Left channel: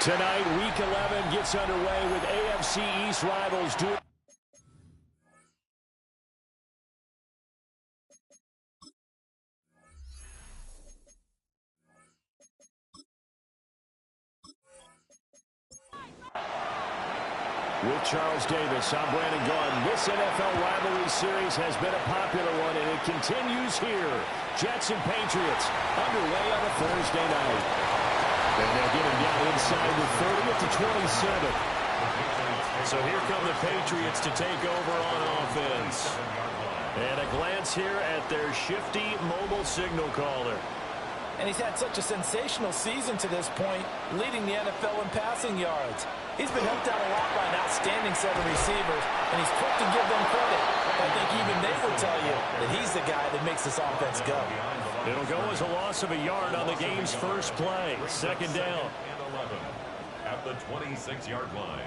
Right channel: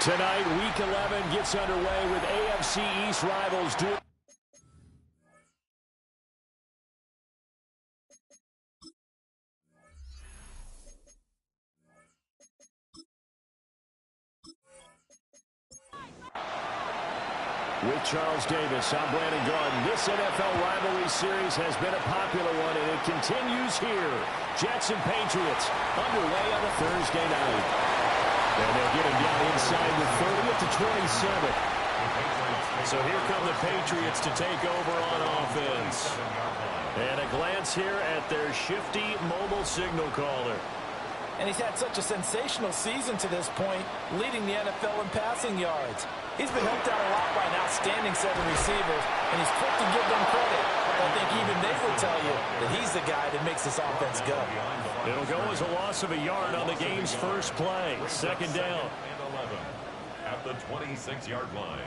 Tonight, Week 11 gets underway with AFC East rivals doing. With Charles Davis, I'm Brandon Gordon. This NFL rivalry series has been a popular one, and it continues here. Jets and Patriots underway on a Thursday night. And they'll get him down inside the 30 at the 27. So here come the Patriots to take over on offense. And a glance here at their shifty mobile signal caller. And he's had such a sensational season to this point, leading the NFL in passing yards. He's been helped out a lot by an outstanding set of receivers, and he's quick to give them credit. I think even they would tell you that he's the guy that makes this offense go. It'll go as a loss of a yard on the game's first play. Second down. And 11 at the 26-yard line.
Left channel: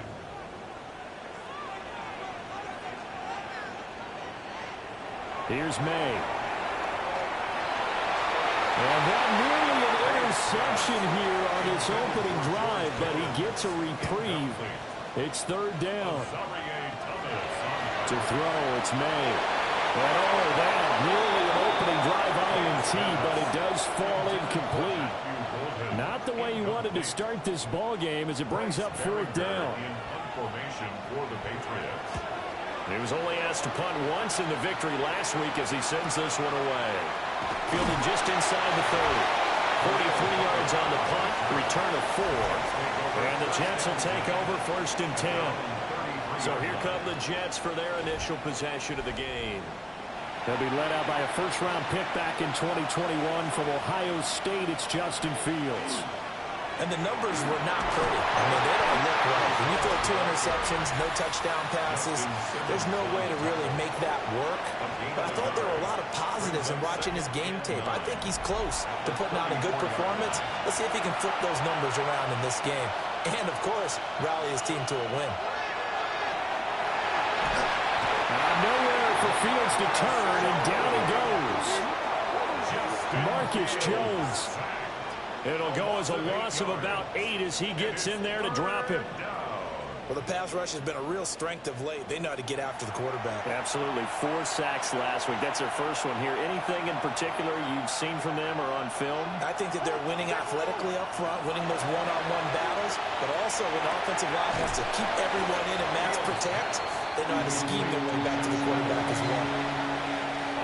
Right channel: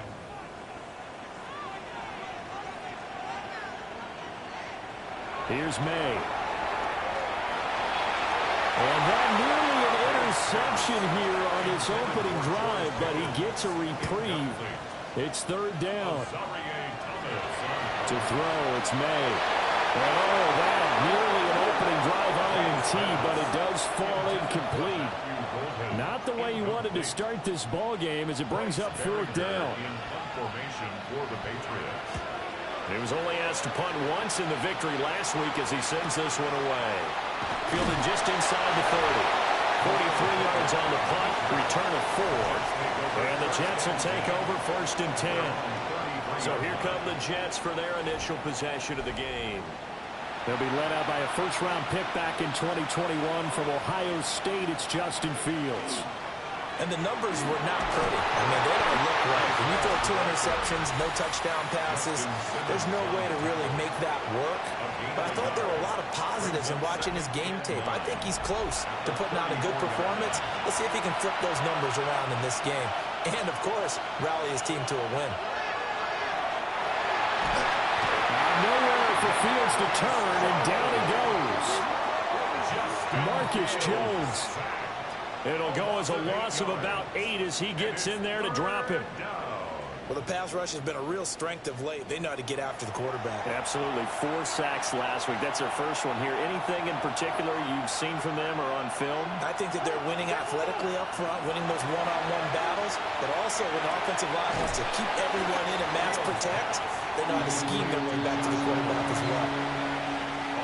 Here's May. And that nearly an interception here on this opening drive, but he gets a reprieve. It's third down. To throw, it's May. And oh, that nearly an opening drive INT, but it does fall incomplete. Not the way he wanted to start this ball game as it brings up fourth down. He was only asked to punt once in the victory last week as he sends this one away. Fielded just inside the 30. 43 yards on the punt, return of 4. And the Jets will take over first and 10. So here come the Jets for their initial possession of the game. They'll be led out by a first-round pick back in 2021 from Ohio State. It's Justin Fields. And the numbers were not pretty. I mean, they don't look right. When you throw 2 interceptions, no touchdown passes, there's no way to really make that work. But I thought there were a lot of positives in watching his game tape. I think he's close to putting out a good performance. Let's see if he can flip those numbers around in this game. And, of course, rally his team to a win. Nowhere for Fields to turn, and down he goes. Marcus Jones. It'll go as a loss of about 8 as he gets in there to drop him. Well, the pass rush has been a real strength of late. They know how to get after the quarterback. Absolutely. 4 sacks last week. That's their first one here. Anything in particular you've seen from them or on film? I think that they're winning athletically up front, winning those one-on-one battles, but also when the offensive line wants to keep everyone in and mass protect, they know how to scheme their way back to the quarterback as well.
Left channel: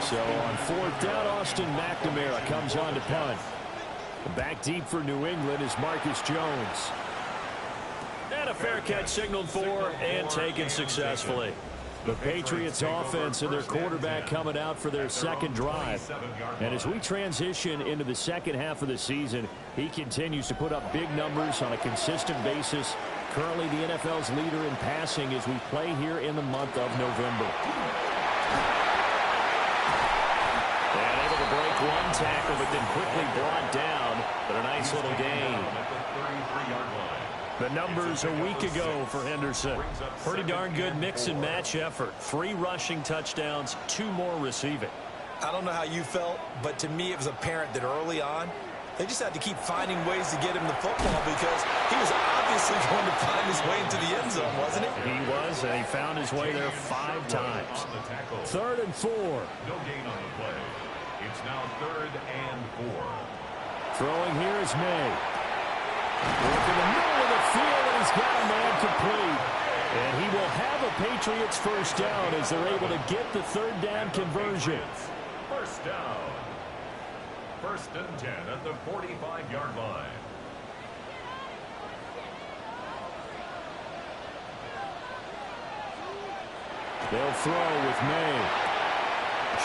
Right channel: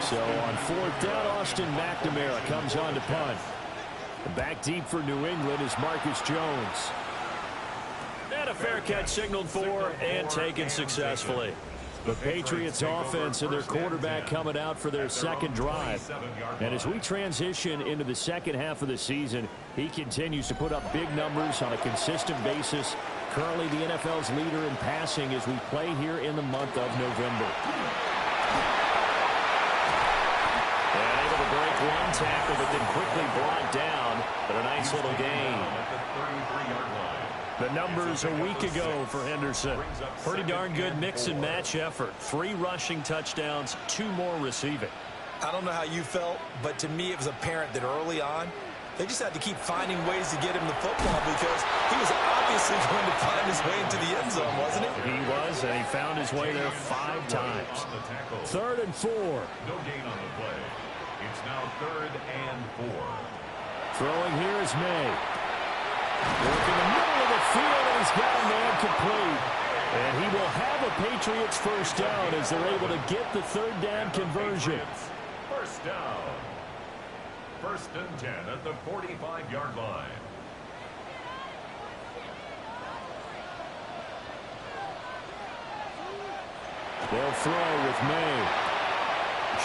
So on fourth down, Austin McNamara comes on to punt. Back deep for New England is Marcus Jones. And a fair catch signaled for and taken successfully. The Patriots offense and their quarterback coming out for their second drive. And as we transition into the second half of the season, he continues to put up big numbers on a consistent basis. Currently the NFL's leader in passing as we play here in the month of November. And able to break one tackle, but then quickly brought down. But a nice little gain. The numbers a week ago for Henderson. Pretty darn good mix and match effort. 3 rushing touchdowns, 2 more receiving. I don't know how you felt, but to me it was apparent that early on, they just had to keep finding ways to get him the football because he was obviously going to find his way into the end zone, wasn't he? He was, and he found his way there 5 times. Third and 4. No gain on the play. It's now 3rd and 4. Throwing here is May. Work in the middle of the field, and he's got a man complete. And he will have a Patriots first down as they're able to get the third down conversion. First down. 1st and 10 at the 45-yard line. They'll throw with May.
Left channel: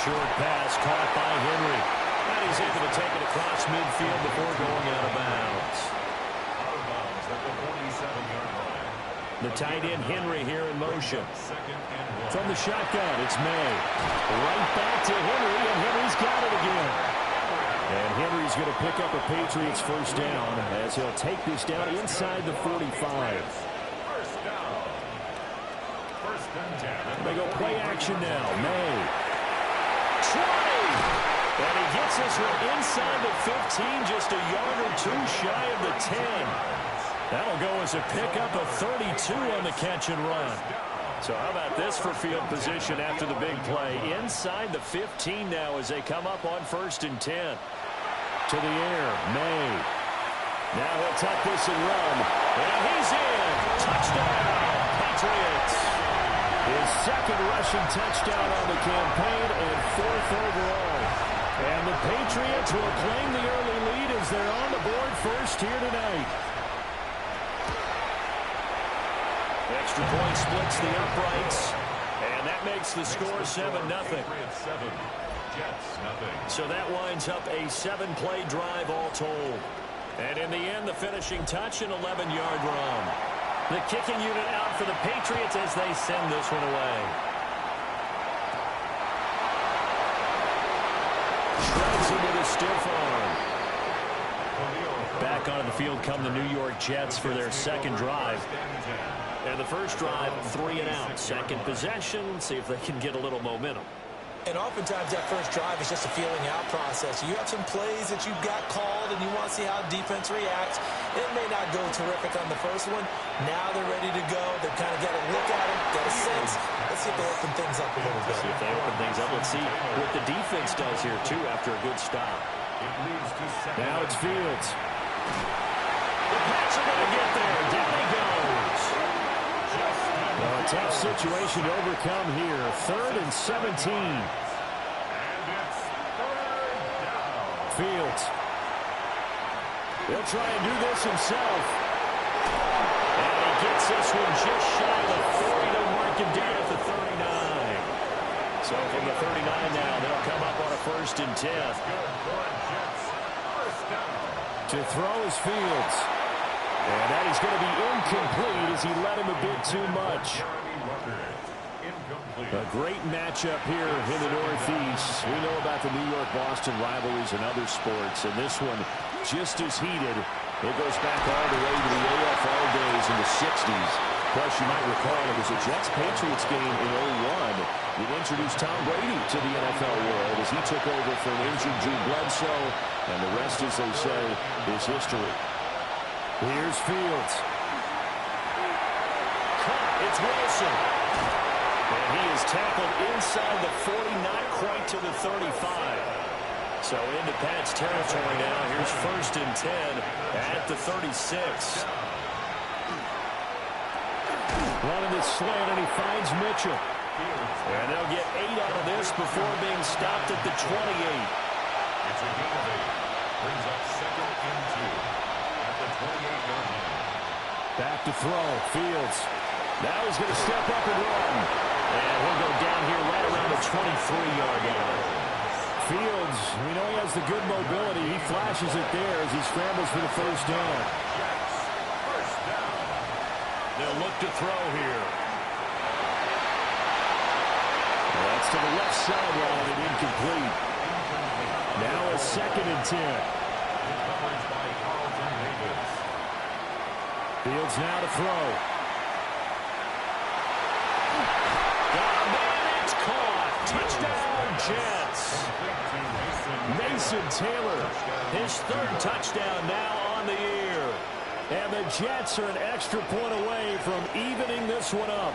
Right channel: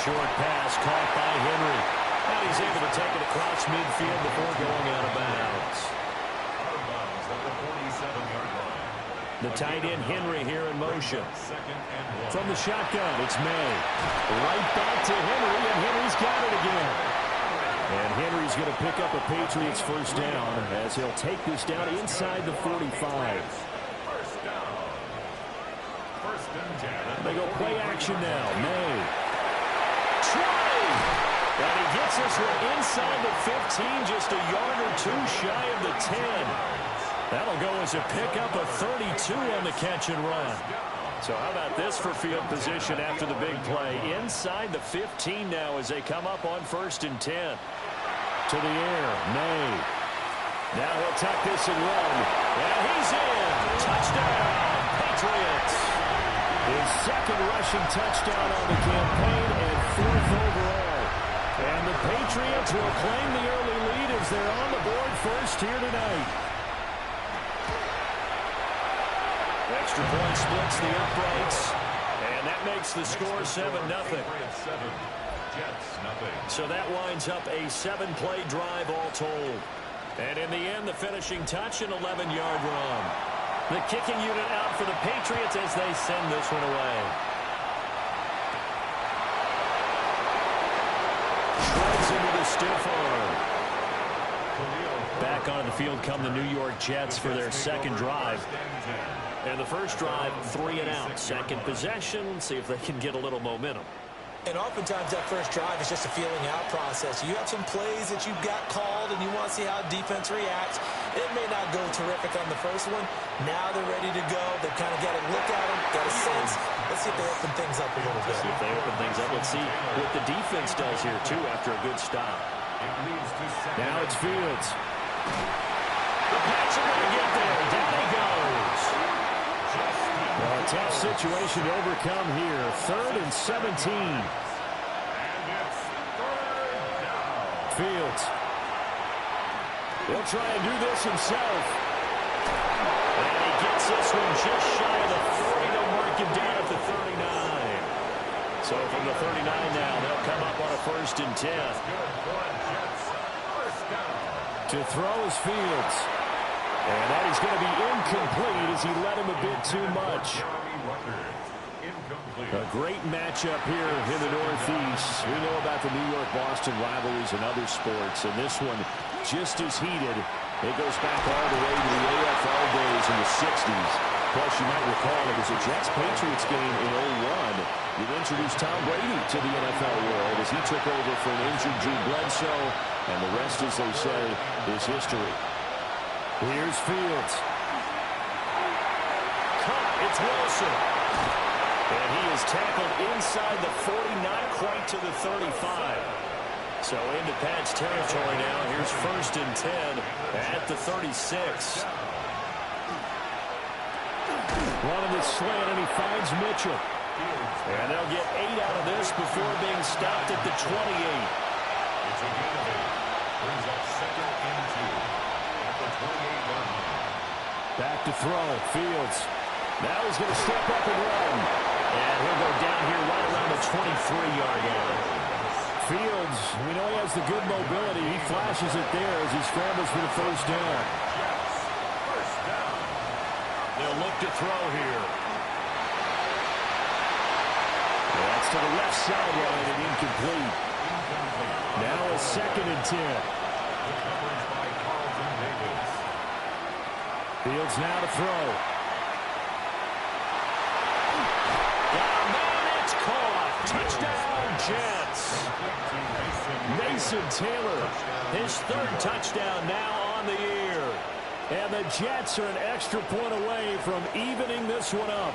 Short pass caught by Henry. And he's able to take it across midfield before going out of bounds. Out of bounds at the 47-yard line. The tight end Henry here in motion. From the shotgun, it's May. Right back to Henry, and Henry's got it again. And Henry's going to pick up a Patriots first down as he'll take this down inside the 45. First down. 1st and 10. They go play action now. May. 20. And he gets this one inside the 15, just a yard or 2 shy of the 10. That'll go as a pickup of 32 on the catch and run. So how about this for field position after the big play? Inside the 15 now as they come up on 1st and 10. To the air, May. Now he'll tuck this and run. And he's in. Touchdown, Patriots. His second rushing touchdown on the campaign and 4th overall. And the Patriots will claim the early lead as they're on the board first here tonight. Extra point splits the uprights. And that makes the score 7-0. So that winds up a 7-play drive all told. And in the end, the finishing touch, an 11-yard run. The kicking unit out for the Patriots as they send this one away. Shreds him with a stiff arm. Back onto the field come the New York Jets for their second drive. And the first drive, 3 and out. Second possession, see if they can get a little momentum. And oftentimes that first drive is just a feeling out process. You have some plays that you've got called and you want to see how defense reacts. It may not go terrific on the first one. Now they're ready to go. They've kind of got to look at them, got a sense. Let's see if they open things up a little bit. See if they open things up. Let's see what the defense does here, too, after a good stop. Now it's Fields. The Pats are going to get there. Down he goes. Well, a tough situation to overcome here. 3rd and 17. And it's 3rd down. Fields. He'll try and do this himself. And he gets this one just shy of the 40 to mark him down at the 39. So from the 39 now, they'll come up on a 1st and 10. Good for a Jets. 1st down. To throw is Fields. And that is going to be incomplete as he led him a bit too much. A great matchup here in the Northeast. We know about the New York-Boston rivalries and other sports, and this one just as heated. It goes back all the way to the AFL days in the 60s. Plus, you might recall it was a Jets-Patriots game in 01 that introduced Tom Brady to the NFL world as he took over for an injured Drew Bledsoe, and the rest, as they say, is history. Here's Fields. Caught. It's Wilson. And he is tackled inside the 40, not quite to the 35. So into Pat's territory now. Here's 1st and 10 at the 36. Running the slant, and he finds Mitchell. And they'll get 8 out of this before being stopped at the 28. It's a gain of 8. Brings up 2nd and 2. The 28-yard line. Back to throw. Fields. Now he's going to step up and run. And he'll go down here right around the 23-yard line. Fields, we know he has the good mobility. He flashes it there as he scrambles for the 1st down. Jets. 1st down. They'll look to throw here. Well, that's to the left sideline and incomplete. Now a 2nd and 10. The coverage by Carlton Davis. Fields now to throw. Man, it's caught. Touchdown, Jets. Mason Taylor, his 3rd touchdown now on the year. And the Jets are an extra point away from evening this one up.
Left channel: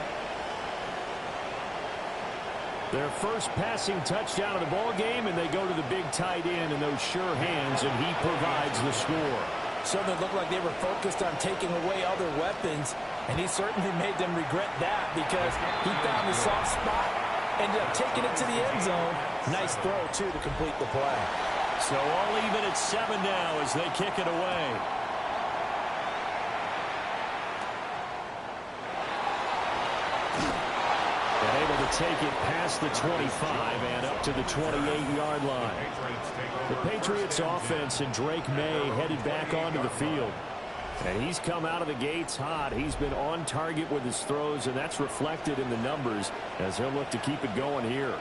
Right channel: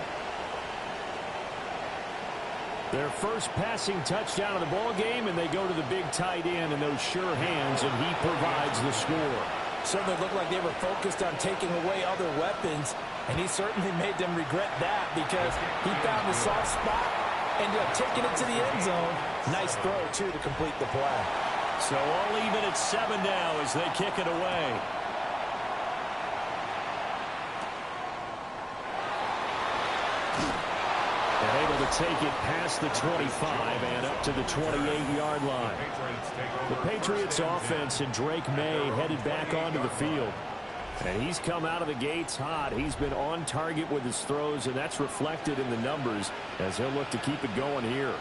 Their first passing touchdown of the ball game, and they go to the big tight end in those sure hands, and he provides the score. Certainly looked like they were focused on taking away other weapons, and he certainly made them regret that because he found the soft spot, ended up taking it to the end zone. Nice throw, too, to complete the play. So all even at 7 now as they kick it away. And able to take it past the 25 and up to the 28-yard line. The Patriots offense and Drake May headed back onto the field. And he's come out of the gates hot. He's been on target with his throws, and that's reflected in the numbers as he'll look to keep it going here.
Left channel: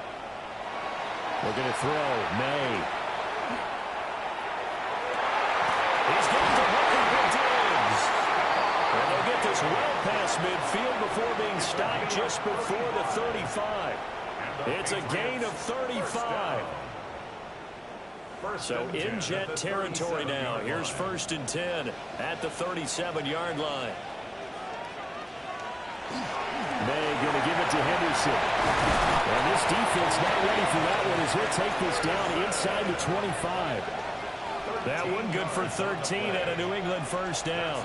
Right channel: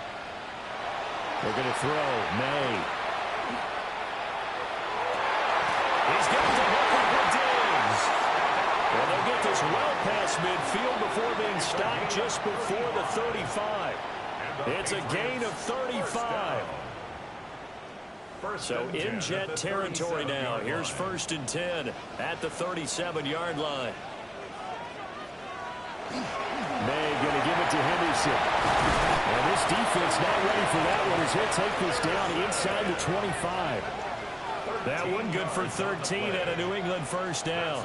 They're going to throw. May. He's getting the hooker with Diggs. And they'll get this well past midfield before being stopped just before the 35. It's a gain of 35. So in Jet territory now. Here's 1st and 10 at the 37-yard line. May going to give it to Henderson. And this defense not ready for that one as he'll take this down inside the 25. That one good for 13 at a New England first down.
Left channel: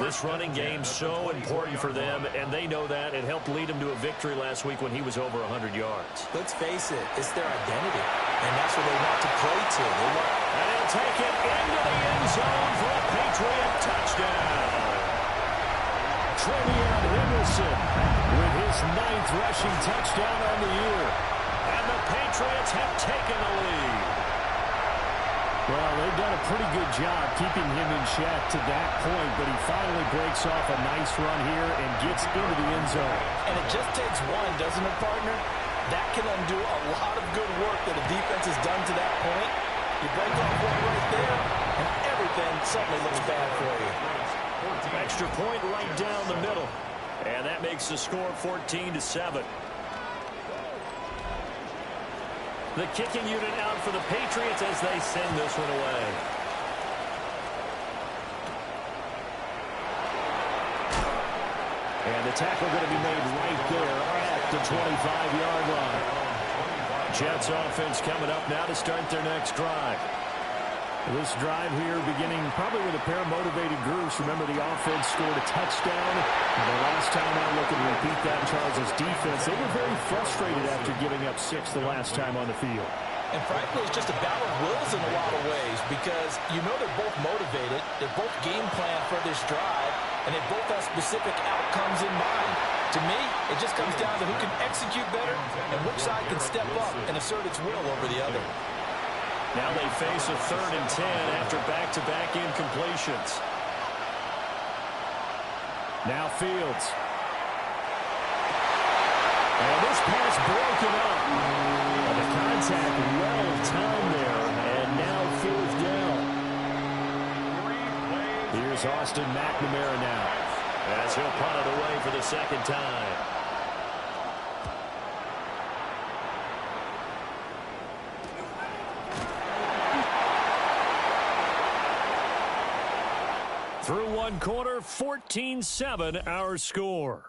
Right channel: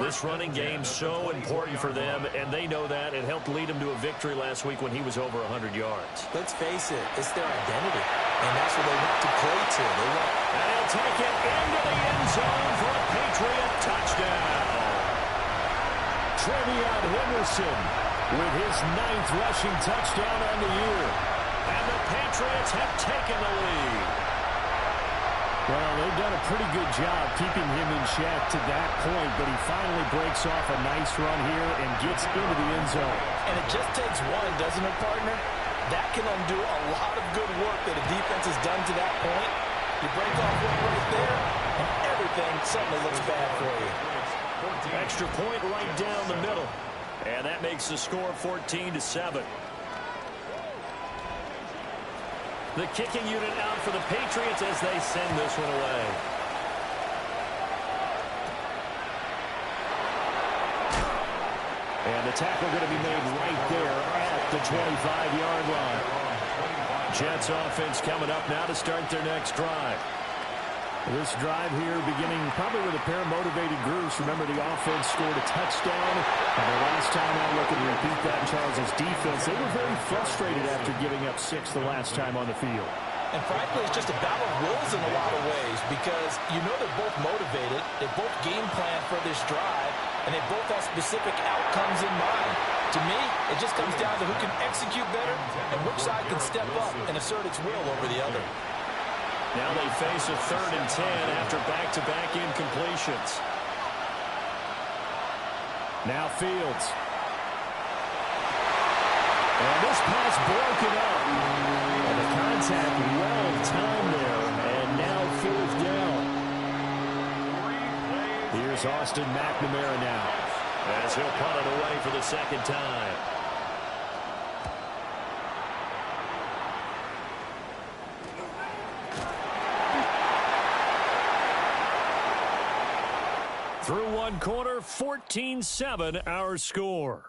This running game's so important for them, and they know that. It helped lead them to a victory last week when he was over 100 yards. Let's face it, it's their identity, and that's what they want to play to. And he'll take it into the end zone for a Patriot touchdown. Trevion Henderson with his 9th rushing touchdown on the year. And the Patriots have taken the lead. Well, they've done a pretty good job keeping him in check to that point, but he finally breaks off a nice run here and gets into the end zone. And it just takes one, doesn't it, partner? That can undo a lot of good work that a defense has done to that point. You break off one right there, and everything suddenly looks bad for you. Extra point right down the middle. And that makes the score 14-7. The kicking unit out for the Patriots as they send this one away. And the tackle going to be made right there at the 25-yard line. Jets offense coming up now to start their next drive. This drive here beginning probably with a pair of motivated groups. Remember, the offense scored a touchdown. And their last time out looking to repeat that in Charles' defense. They were very frustrated after giving up 6 the last time on the field. And frankly, it's just a battle of wills in a lot of ways because you know they're both motivated. They both game plan for this drive, and they both have specific outcomes in mind. To me, it just comes down to who can execute better and which side can step up and assert its will over the other. Now they face a 3rd and 10 after back-to-back incompletions. Now Fields. And this pass broken up. And the contact well timed there. And now 4th down. Here's Austin McNamara now as he'll punt it away for the 2nd time. Through one quarter, 14-7 our score.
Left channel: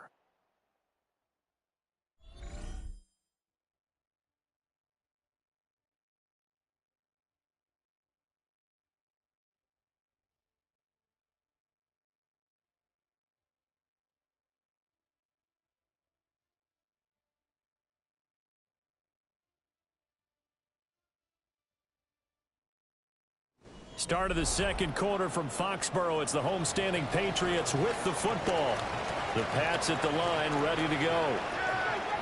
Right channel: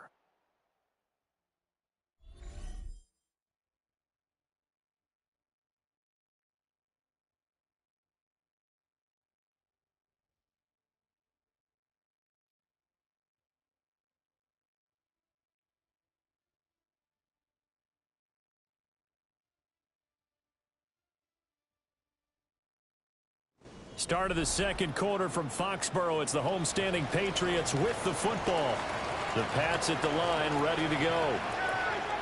Start of the 2nd quarter from Foxborough. It's the homestanding Patriots with the football. The Pats at the line ready to go.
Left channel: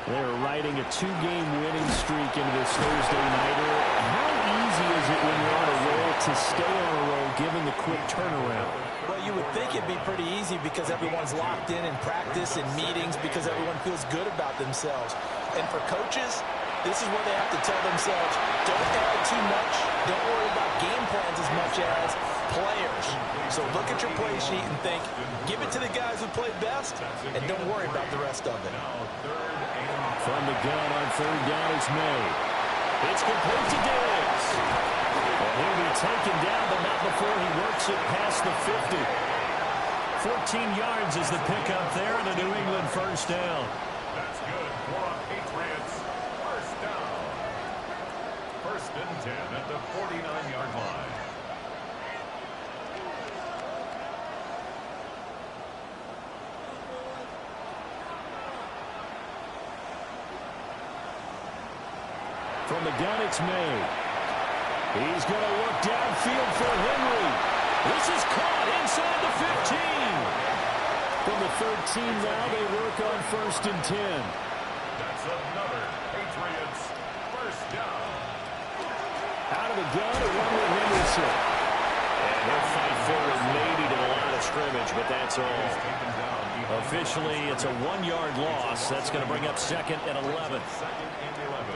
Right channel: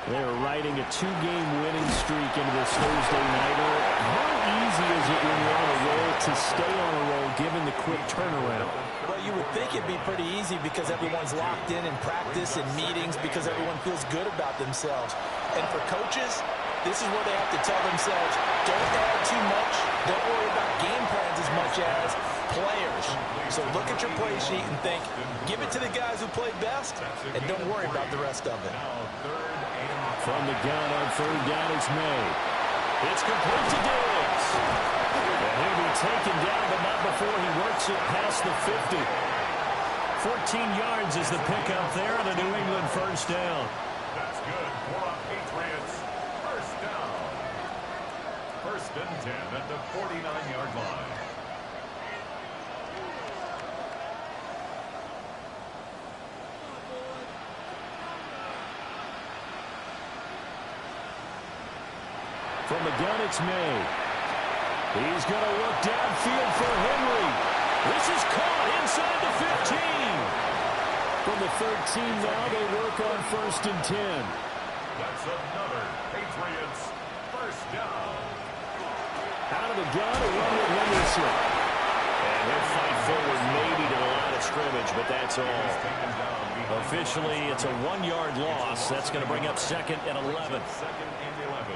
They're riding a 2-game winning streak into this Thursday nighter. How easy is it when you're on a roll to stay on a roll given the quick turnaround? Well, you would think it'd be pretty easy because everyone's locked in practice and meetings because everyone feels good about themselves. And for coaches, this is where they have to tell themselves, don't add too much. Don't worry about game plans as much as players. So look at your play sheet and think, give it to the guys who play best, and don't worry about the rest of it. From the gun on 3rd down is May. It's complete to Diggs. And he'll be taken down, but not before he works it past the 50. 14 yards is the pickup there, and a New England first down. That's good for a Patriots first down. 1st and 10 at the 49-yard line. From the gun, it's May. He's going to look downfield for Henry. This is caught inside the 15. From the 13 now, they work on 1st and 10. That's another Patriots first down. Out of the gun, a run with Henderson. And he'll fight forward maybe to the line of scrimmage, but that's all. Officially, it's a 1-yard loss. That's going to bring up 2nd and 11. 2nd and 11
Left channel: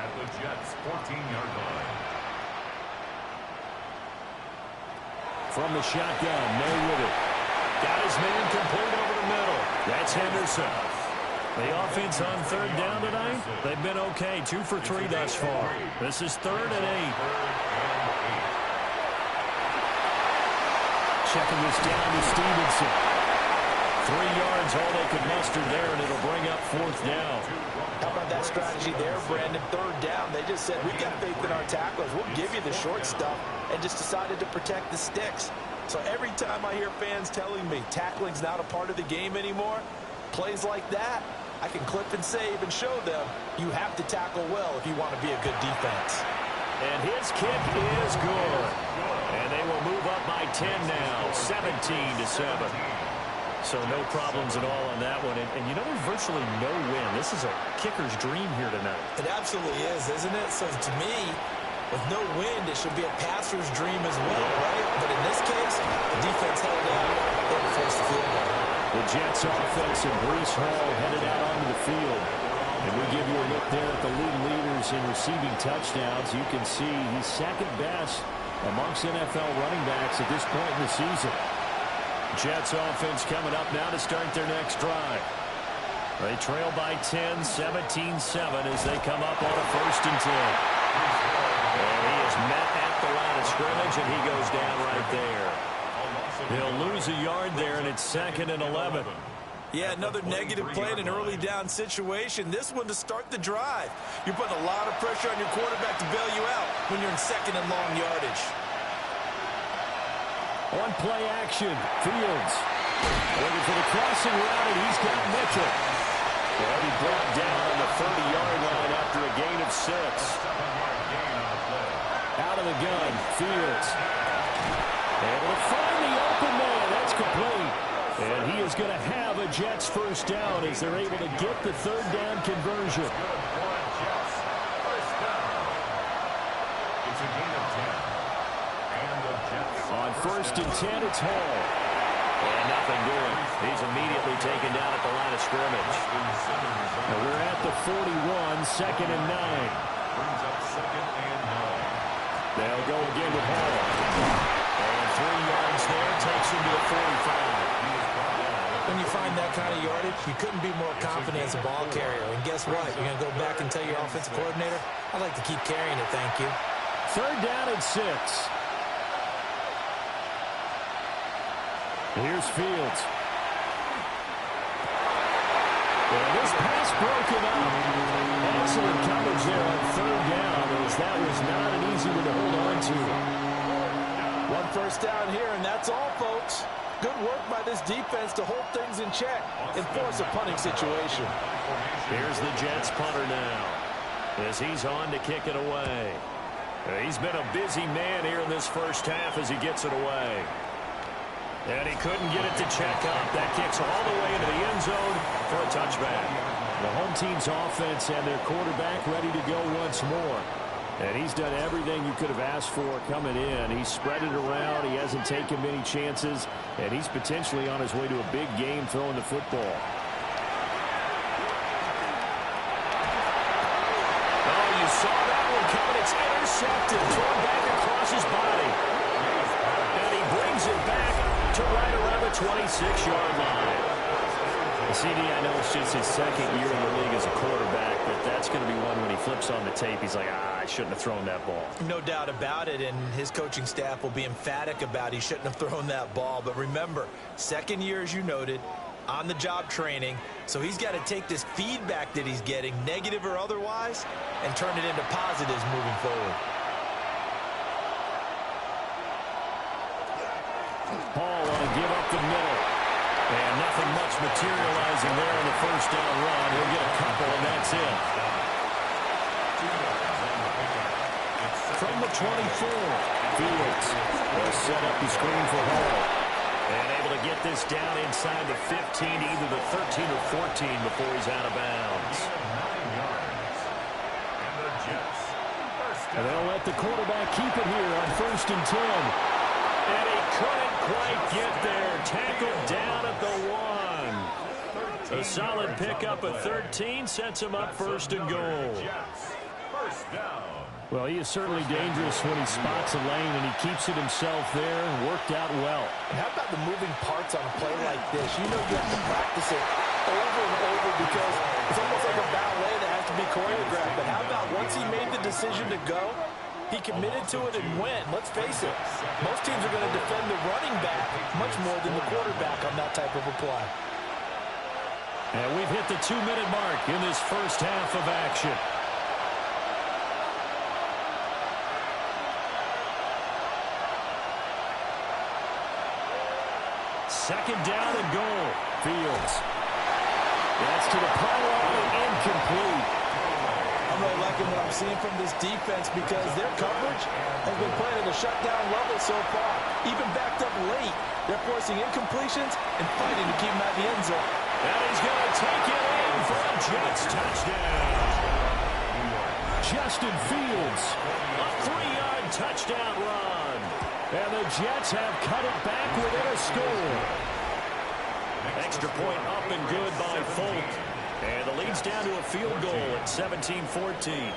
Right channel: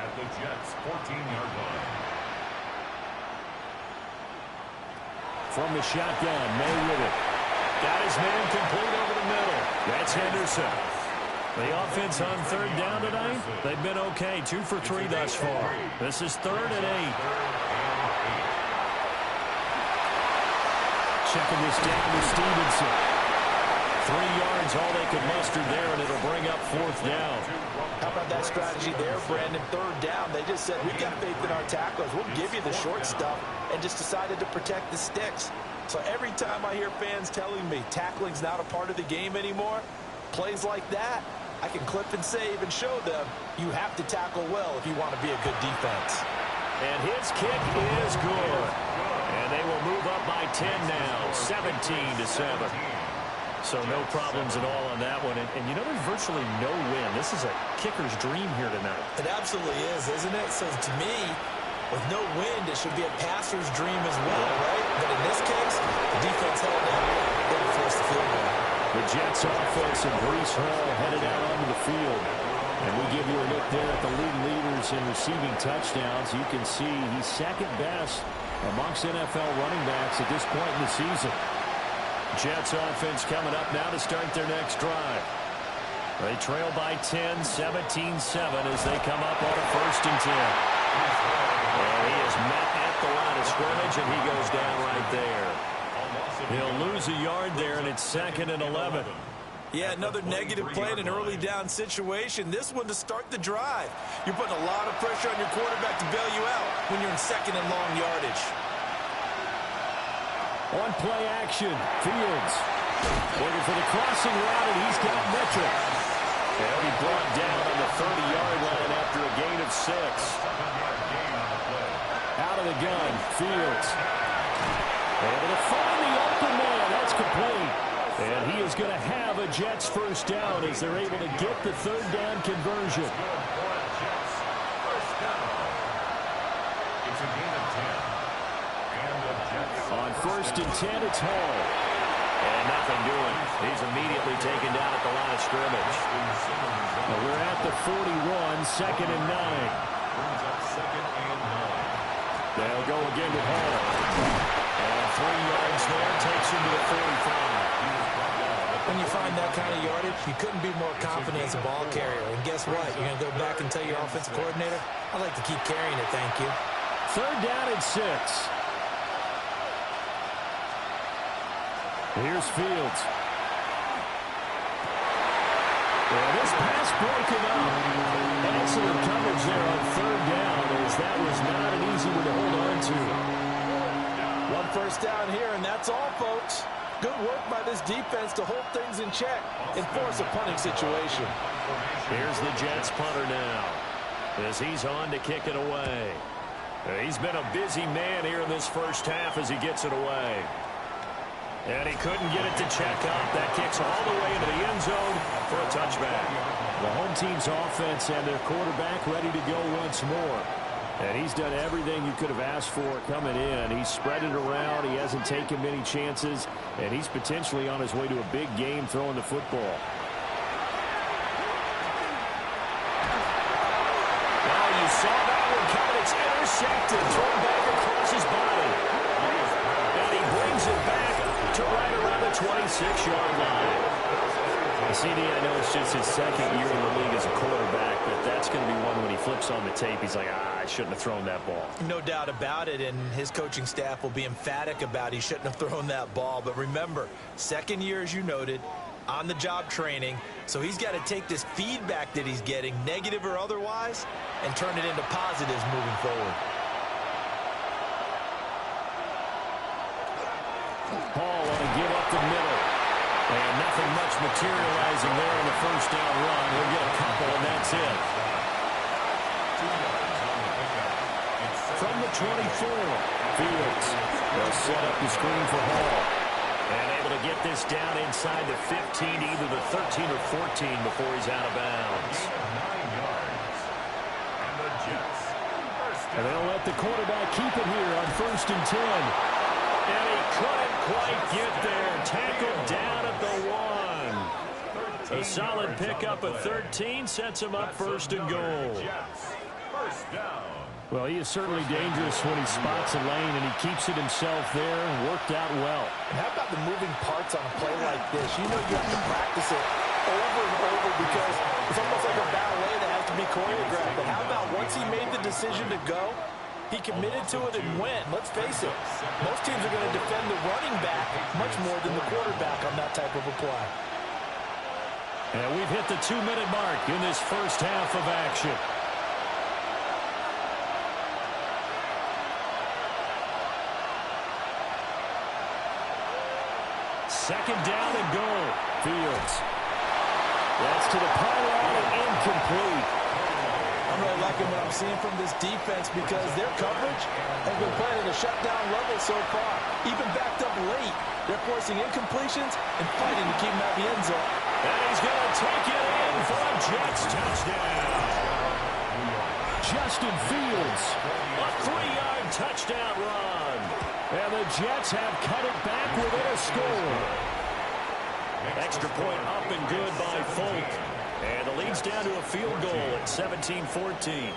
at the Jets' 14-yard line. From the shotgun, May with it. Got his man complete over the middle. That's Henderson. The offense on third down tonight, they've been okay. 2 for 3 thus far. This is 3rd and 8. Checking this down to Stevenson. 3 yards, all they could muster there, and it'll bring up 4th down. How about that strategy there, Brandon? 3rd down, they just said, we've got faith in our tacklers. We'll give you the short stuff, and just decided to protect the sticks. So every time I hear fans telling me tackling's not a part of the game anymore, plays like that, I can clip and save and show them you have to tackle well if you want to be a good defense. And his kick is good. And they will move up by 10 now, 17-7. So no problems at all on that one. And you know, there's virtually no win. This is a kicker's dream here tonight. It absolutely is, isn't it? So to me, with no wind, it should be a passer's dream as well, right? But in this case, the defense held out. They were forced the field goal. The Jets offense and Breece Hall headed out onto the field. And we give you a look there at the league leaders in receiving touchdowns. You can see he's second best amongst NFL running backs at this point in the season. Jets offense coming up now to start their next drive. They trail by 10, 17-7 as they come up on a 1st and 10. And he is met at the line of scrimmage, and he goes down right there. He'll lose a yard there, and it's 2nd and 11. Yeah, another negative play in an early down situation. This one to start the drive. You're putting a lot of pressure on your quarterback to bail you out when you're in 2nd and long yardage. On play action, Fields looking for the crossing route, and he's got Mitchell. And he brought down on the 30-yard line after a gain of 6. Out of the gun, Fields. Able to find the open man. That's complete. And he is going to have a Jets 1st down as they're able to get the 3rd down conversion. It's a gain of 10. And the Jets on 1st and 10, it's Hall. And nothing doing. He's immediately taken down at the line of scrimmage. Now we're at the 41, 2nd and 9. brings up 2nd and 9. They'll go again with Hall. And 3 yards there, takes him to the 45. When you find that kind of yardage, you couldn't be more confident as a ball carrier. And guess what? You're going to go back and tell your offensive coordinator, I'd like to keep carrying it, thank you. 3rd down and 6. Here's Fields. And this pass broken up. Excellent coverage there on 3rd down, as that was not an easy one to hold on to. 1 first down here, and that's all, folks. Good work by this defense to hold things in check and force a punting situation. Here's the Jets punter now, as he's on to kick it away. He's been a busy man here in this 1st half as he gets it away. And he couldn't get it to check up. That kicks all the way into the end zone for a touchback. The home team's offense and their quarterback ready to go once more. And he's done everything you could have asked for coming in. He's spread it around. He hasn't taken many chances. And he's potentially on his way to a big game throwing the football. Oh, you saw that one coming. It's intercepted. Thrown back across his body. And he brings it back to right around the 26-yard line. CD, I know it's just his 2nd year in the league as a quarterback, but that's going to be one when he flips on the tape. He's like, I shouldn't have thrown that ball. No doubt about it, and his coaching staff will be emphatic about he shouldn't have thrown that ball. But remember, 2nd year, as you noted, on-the-job training, so he's got to take this feedback that he's getting, negative or otherwise, and turn it into positives moving forward. Hall on a give up the middle. And nothing much materializing there in the 1st down run. He'll get a couple, and that's it. From the 24, Fields will set up the screen for Hall. And able to get this down inside the 15, either the 13 or 14 before he's out of bounds. 9 yards. And the Jets. And they'll let the quarterback keep it here on 1st and 10. And he couldn't quite get there. Tackled down at the 1. A solid pickup of 13 sets him up 1st and goal. Well, he is certainly dangerous when he spots a lane, and he keeps it himself there. Worked out well. And how about the moving parts on a play like this? You know you have to practice it over and over because it's almost like a ballet that has to be choreographed. But how about once he made the decision to go, he committed to it and went. Let's face it, most teams are going to defend the running back much more than the quarterback on that type of a play. And we've hit the 2-minute mark in this first half of action. Second down and goal. Fields. That's to the pylon and incomplete. I'm really liking what I'm seeing from this defense because their coverage has been playing at a shutdown level so far. Even backed up late, they're forcing incompletions and fighting to keep them at the end zone. And he's going to take it in for a Jets touchdown. Justin Fields, a 3-yard touchdown run. And the Jets have cut it back within a score. Extra point up and good by Folk. And the lead's down to a field goal at 17-14.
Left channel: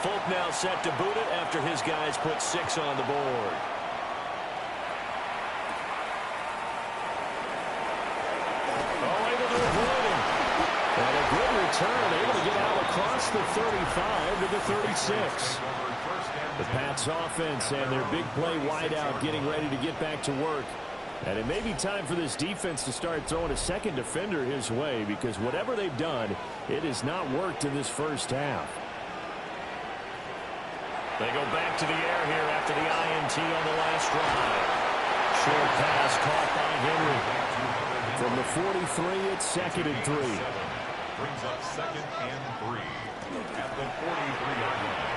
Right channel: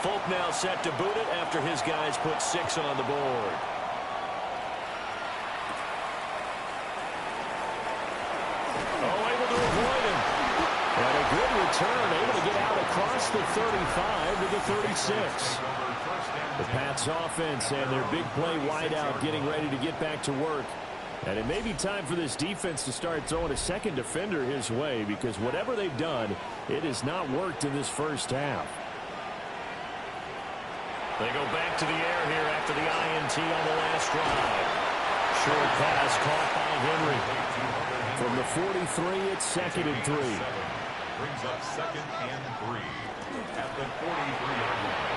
Folk now set to boot it after his guys put 6 on the board. Oh, able to avoid him. And a good return, able to get out across the 35 to the 36. The Pats offense and their big play wideout getting ready to get back to work. And it may be time for this defense to start throwing a second defender his way because whatever they've done, it has not worked in this first half. They go back to the air here after the INT on the last drive. Short pass caught by Henry. From the 43, it's 2nd and 3. Brings up 2nd and 3 at the 43-yard line.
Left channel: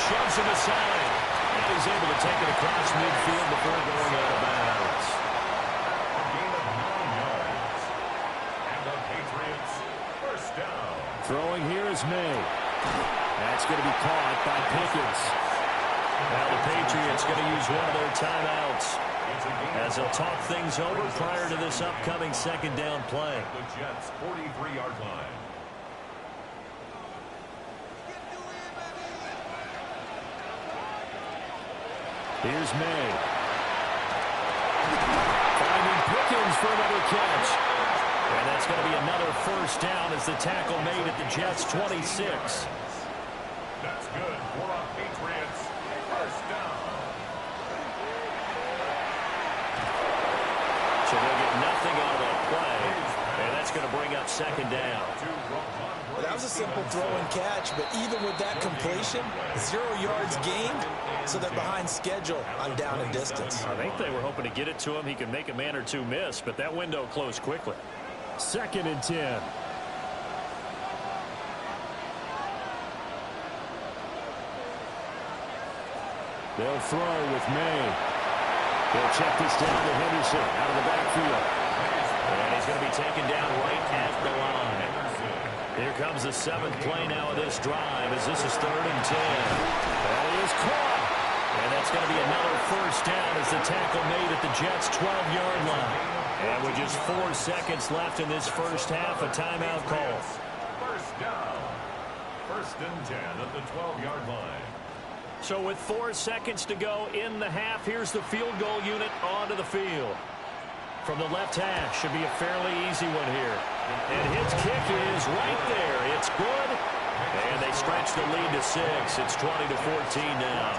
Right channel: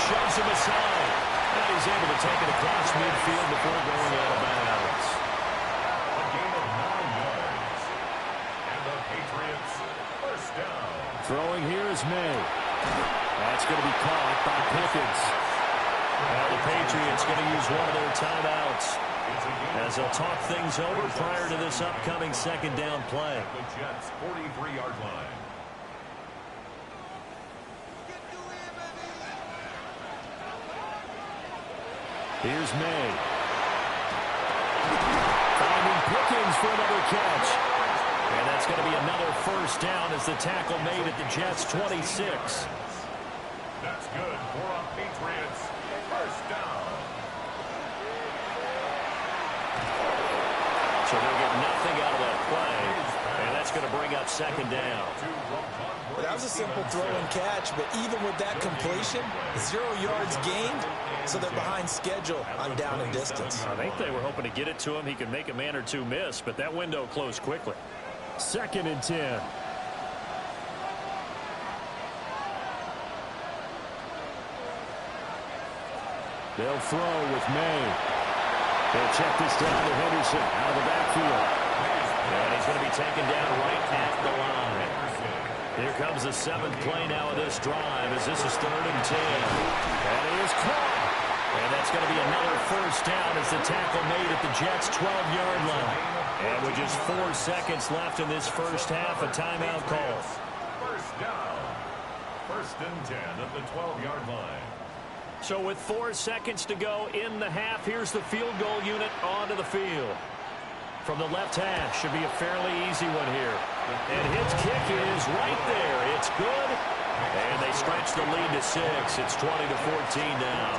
Shoves him aside. And he's able to take it across midfield before going out of bounds. A gain of 9 yards. And the Patriots first down. Throwing here is May. That's going to be caught by Pickens. Now the Patriots going to use one of their timeouts as they'll talk things over prior to this upcoming second down play. The Jets' 43-yard line. Here's May. Finding Pickens for another catch. And that's going to be another first down as the tackle made at the Jets' 26. That's good for a Patriots first down. So they'll get nothing out of that play. And that's going to bring up second down. Well, that was a simple throw and catch, but even with that completion, 0 yards gained, so they're behind schedule on down and distance. I think they were hoping to get it to him. He could make a man or two miss, but that window closed quickly. 2nd and 10. They'll throw with May. They'll check this down to Henderson out of the backfield. And he's going to be taken down right at the line. Here comes the 7th play now of this drive as this is 3rd and 10. And he is caught. And that's going to be another first down as the tackle made at the Jets' 12-yard line. And with just 4 seconds left in this first half, a timeout call. First down. 1st and 10 at the 12-yard line. So with 4 seconds to go in the half, here's the field goal unit onto the field. From the left hash, should be a fairly easy one here. And his kick is right there. It's good. And they stretch the lead to 6. It's 20-14 now.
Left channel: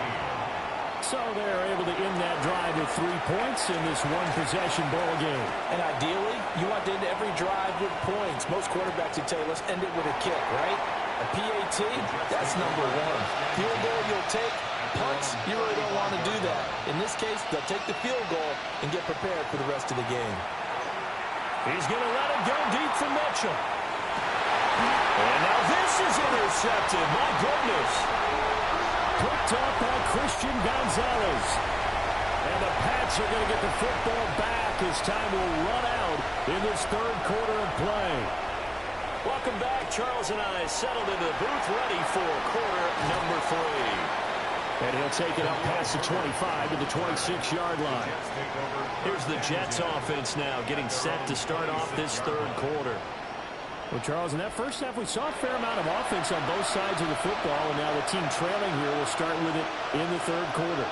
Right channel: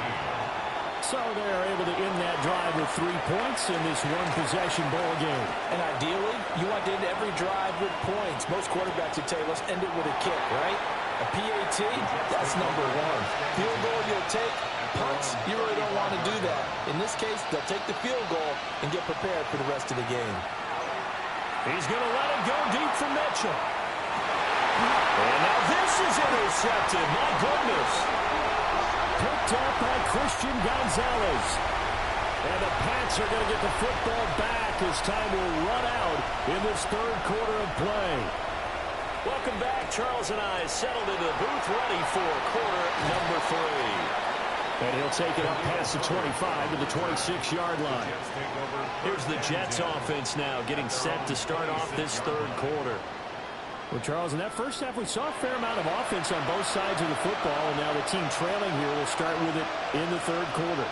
So they're able to end that drive with 3 points in this one-possession ball game. And ideally, you want to end every drive with points. Most quarterbacks would tell you, let's end it with a kick, right? A PAT, that's number 1. Field goal you'll take. Punts, you really don't want to do that. In this case, they'll take the field goal and get prepared for the rest of the game. He's going to let it go deep for Mitchell. And now this is intercepted. My goodness. Picked up by Christian Gonzalez. And the Pats are going to get the football back as time will run out in this 3rd quarter of play. Welcome back. Charles and I settled into the booth ready for quarter number 3. And he'll take it up past the 25 to the 26-yard line. Here's the Jets offense now getting set to start off this 3rd quarter. Well, Charles, in that first half, we saw a fair amount of offense on both sides of the football, and now the team trailing here will start with it in the 3rd quarter.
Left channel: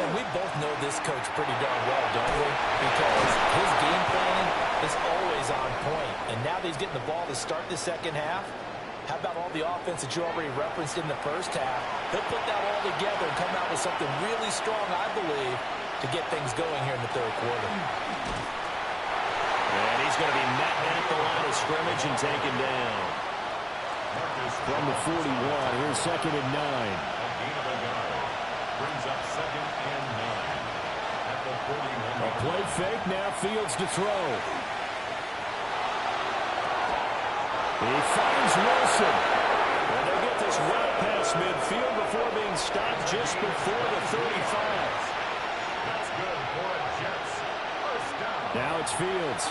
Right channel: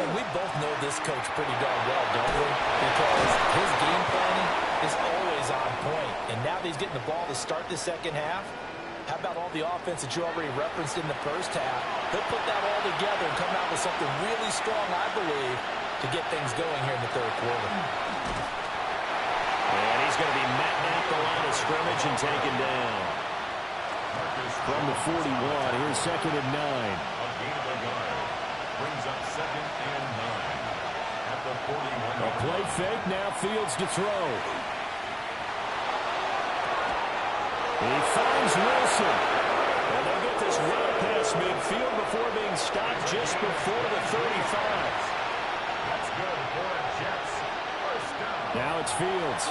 And we both know this coach pretty darn well, don't we? Because his game planning is always on point. And now that he's getting the ball to start the second half, how about all the offense that you already referenced in the first half? He'll put that all together and come out with something really strong, I believe, to get things going here in the third quarter. And he's going to be met at the line of scrimmage and taken down. From the 41, here's 2nd and 9. A gain of a yard. Brings up 2nd and 9. At the 41. A play fake, now Fields to throw. He finds Wilson. And they'll get this well past midfield before being stopped just before the 35. That's good for a Jets. First down. Now it's Fields.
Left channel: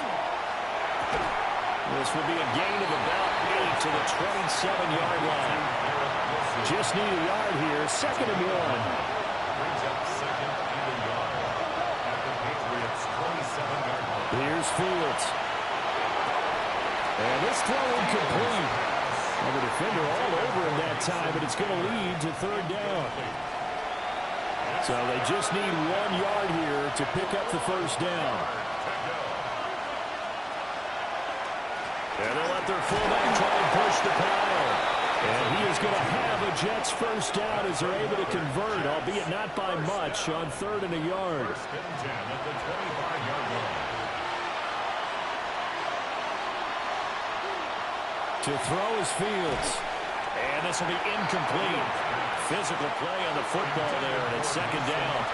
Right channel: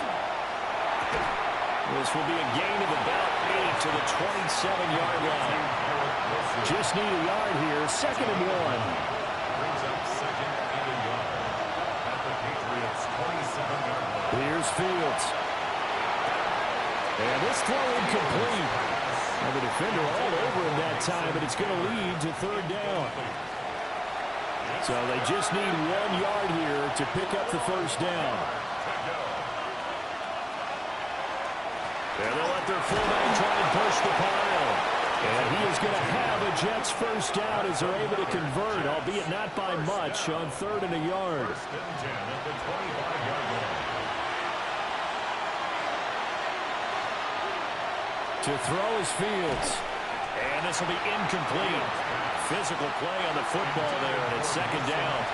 This will be a gain of about 8 to the 27-yard line. Just need a yard here. 2nd and 1. Brings up 2nd and a yard. At the Patriots' 27-yard line. Here's Fields. And this throw incomplete. And the defender all over him that time, but it's going to lead to 3rd down. So they just need 1 yard here to pick up the first down. And they'll let their fullback try and push the pile. And he is going to have a Jets first down as they're able to convert, albeit not by much, on 3rd and a yard. 1st and 10 at the 25-yard line. To throw is Fields. And this will be incomplete. Physical play on the football there, and it's 2nd down.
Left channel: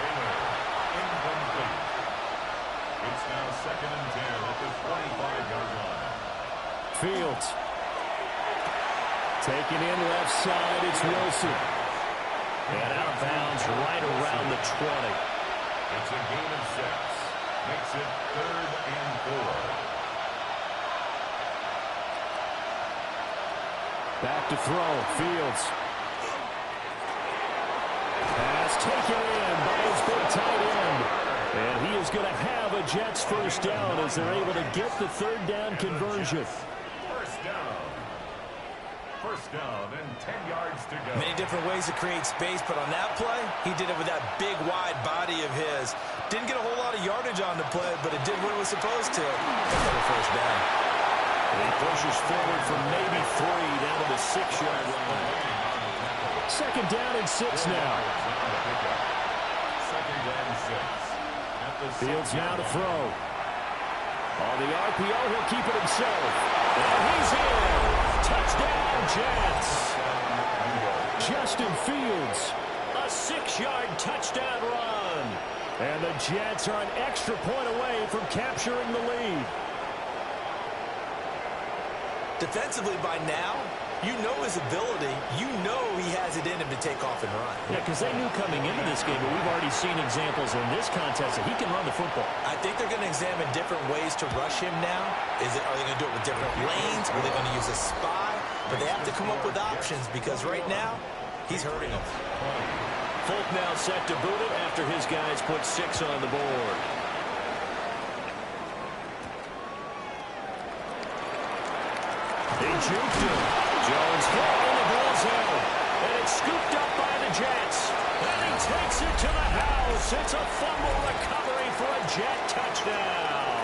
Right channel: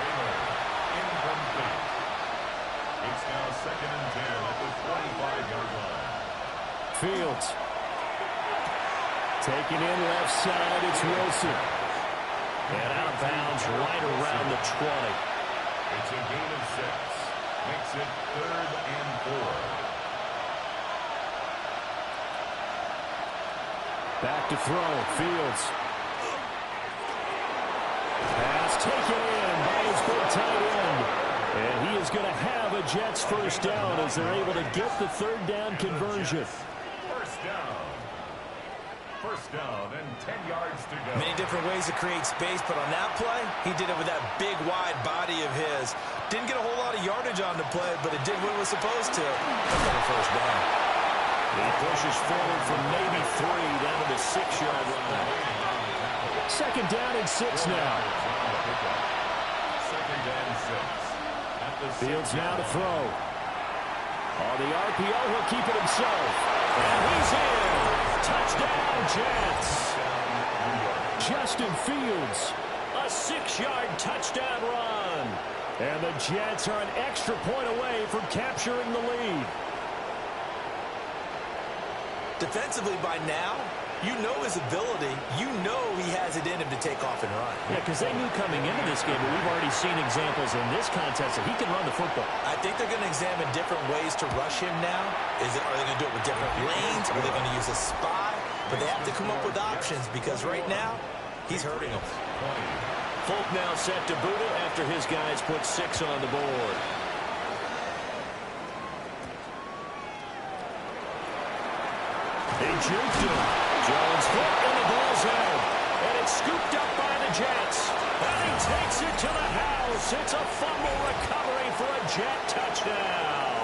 Incomplete. It's now 2nd and 10 at the 25-yard line. Fields. Taken in left side, it's Wilson. And out of bounds right around the 20. It's a gain of 6. Makes it 3rd and 4. Back to throw, Fields. Pass taken in by his big tight end. And he is going to have a Jets first down as they're able to get the 3rd down conversion. First down. First down and 10 yards to go. Many different ways to create space, but on that play, he did it with that big, wide body of his. Didn't get a whole lot of yardage on the play, but it did what it was supposed to. Pick up a first down. He pushes forward from maybe 3 down to the 6-yard line. 2nd down and 6 now. 2nd and 6. At the Fields now to throw. On the RPO, he'll keep it himself. And he's in. Touchdown, Jets. Justin Fields, a 6-yard touchdown run. And the Jets are an extra point away from capturing the lead. Defensively by now, you know his ability. You know he has it in him to take off and run. Yeah, because they knew coming into this game, but we've already seen examples in this contest that he can run the football. I think they're going to examine different ways to rush him now. Are they going to do it with different lanes? Are they going to use a spy? But they have to come up with options because right now, he's hurting them. Folk now set to boot it after his guys put 6 on the board. He juked him. Jones hit and the ball's out. And it's scooped up by the Jets. And he takes it to the house. It's a fumble recovery for a Jet touchdown.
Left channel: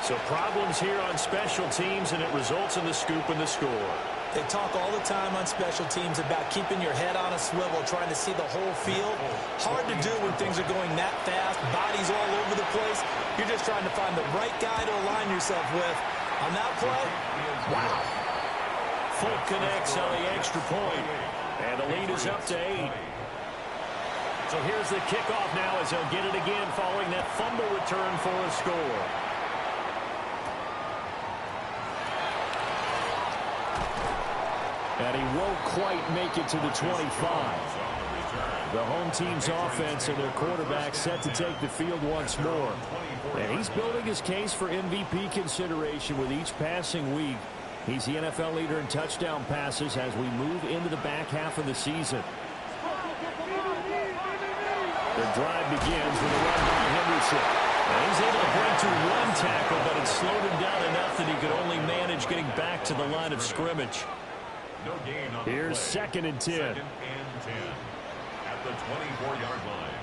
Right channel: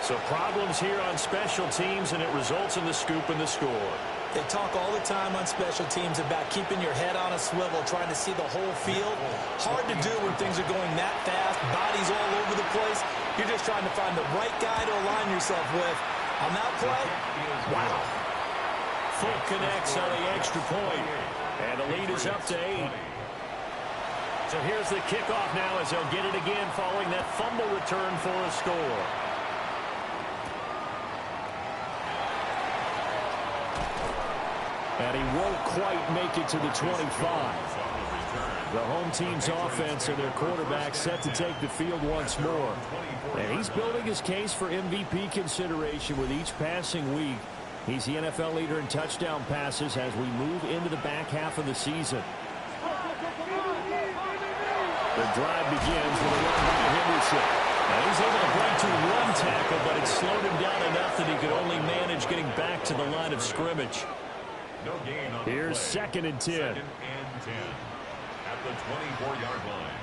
So problems here on special teams, and it results in the scoop and the score. They talk all the time on special teams about keeping your head on a swivel, trying to see the whole field. Hard to do when things are going that fast, bodies all over the place. You're just trying to find the right guy to align yourself with. On that play, wow. Folk connects on the extra point, and the lead is up to 8. So here's the kickoff now as they'll get it again following that fumble return for a score. And he won't quite make it to the 25. The home team's offense and their quarterback set to take the field once more. And he's building his case for MVP consideration with each passing week. He's the NFL leader in touchdown passes as we move into the back half of the season. The drive begins with a run by Henderson. And he's able to break through 1 tackle, but it slowed him down enough that he could only manage getting back to the line of scrimmage. No gain on the Here's play. 2nd and 10. 2nd and 10. at the 24-yard line.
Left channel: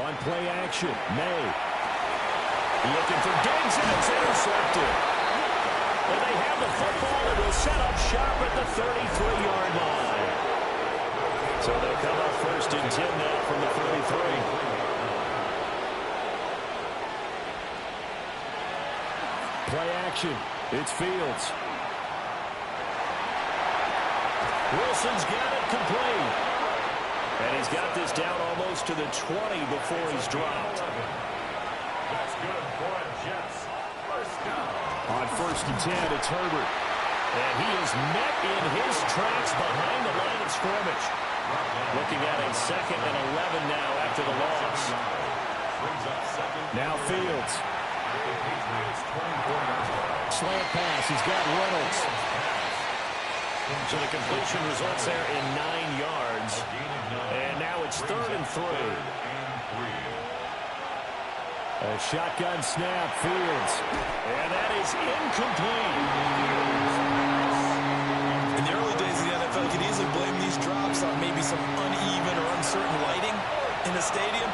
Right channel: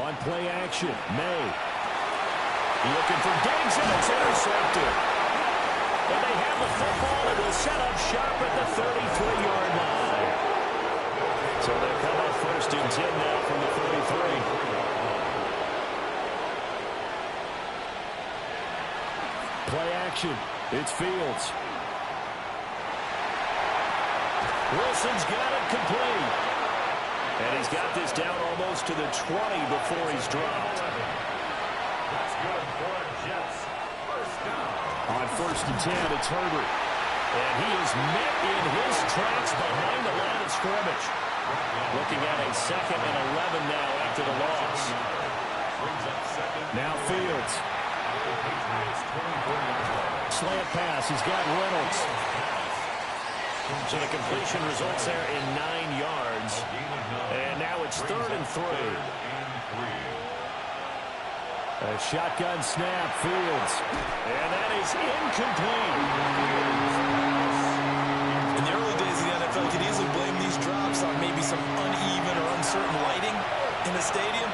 On play action, May. Looking for Diggs, and it's intercepted. And they have the football, and will set up shop at the 33-yard line. So they'll come up 1st and 10 now from the 33. Play action. It's Fields. Wilson's got it complete. And he's got this down almost to the 20 before he's dropped. That's good for Jets. First down. On 1st and 10, it's Herbert. And he is met in his tracks behind the line of scrimmage. Looking at a 2nd and 11 now after the loss. Now Fields. Slant pass. He's got Reynolds. So the completion results there in 9 yards. And now it's 3rd and 3. A shotgun snap, Fields. And that is incomplete. In the early days of the NFL, you could easily blame these drops on maybe some uneven or uncertain lighting in the stadium.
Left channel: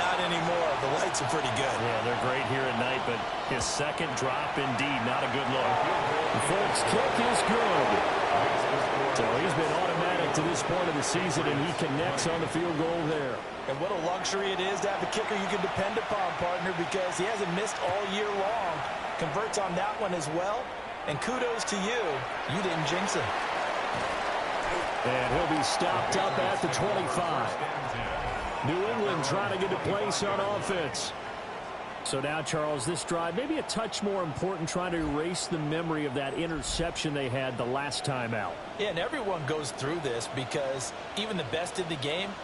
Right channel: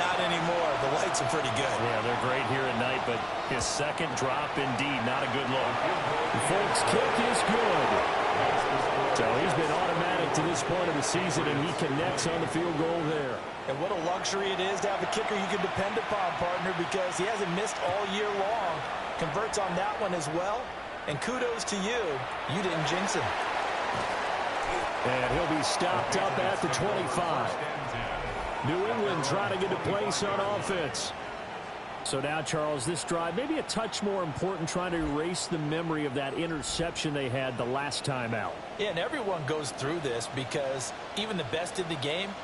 Not anymore. The lights are pretty good. Yeah, they're great here at night, but his 2nd drop, indeed, not a good look. The Folks' kick is good. So he's been automatic to this point of the season, and he connects on the field goal there. And what a luxury it is to have a kicker you can depend upon, partner, because he hasn't missed all year long. Converts on that one as well. And kudos to you. You didn't jinx him. And he'll be stopped up at the 25. New England trying to get a place on offense. So now, Charles, this drive, maybe a touch more important, trying to erase the memory of that interception they had the last time out. Yeah, and everyone goes through this because even the best in the game,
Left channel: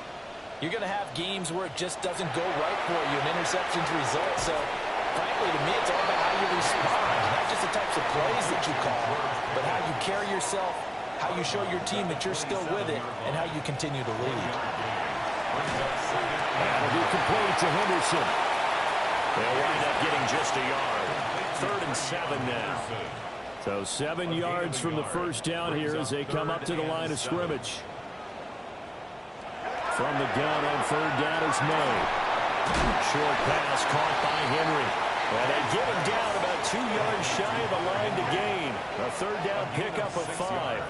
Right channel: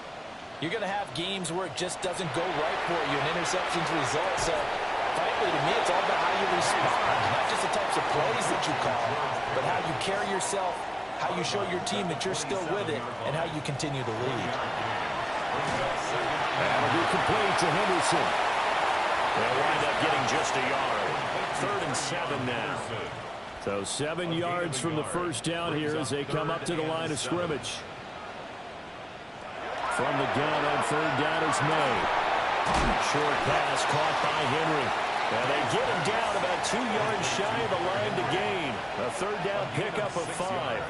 you're going to have games where it just doesn't go right for you, and interceptions result. So, frankly, to me, it's all about how you respond, not just the types of plays that you call, but how you carry yourself, how you show your team that you're still with it, and how you continue to lead. That'll be complete to Henderson. They'll wind up getting just a yard. 3rd and 7 now. So 7 yards from the first down here as they come up to the line of scrimmage. From the gun on 3rd down is May. Short pass caught by Henry. And they get him down about 2 yards shy of the line to gain. A 3rd down pickup of 5.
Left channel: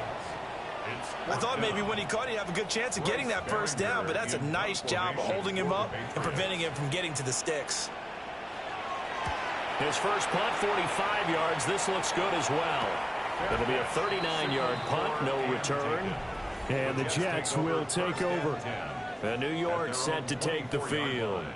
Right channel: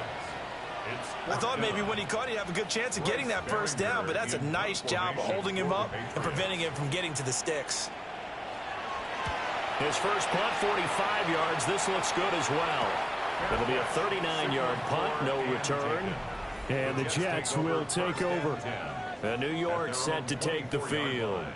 I thought maybe when he caught it, he'd have a good chance of getting that first down, but that's a nice job of holding him up and preventing him from getting to the sticks. His first punt, 45 yards. This looks good as well. It'll be a 39-yard punt, no return. And the Jets will take over. And New York set to take the field.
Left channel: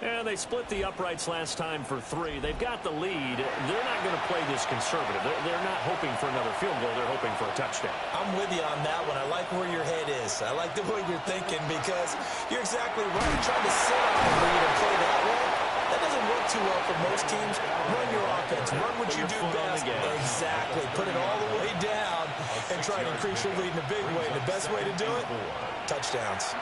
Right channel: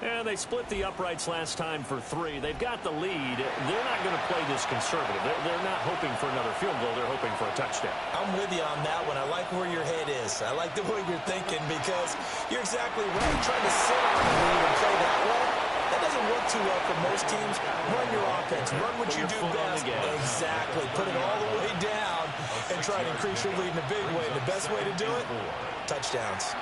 And they split the uprights last time for 3. They've got the lead. They're not going to play this conservative. They're not hoping for another field goal. They're hoping for a touchdown. I'm with you on that one. I like where your head is. I like the way you're thinking because you're exactly right. Trying to sit on the lead and play that way, that doesn't work too well for most teams. Run your offense. Run what you do best. Exactly. Put it all the way down and try to increase your lead in a big way. The best way to do it, touchdowns.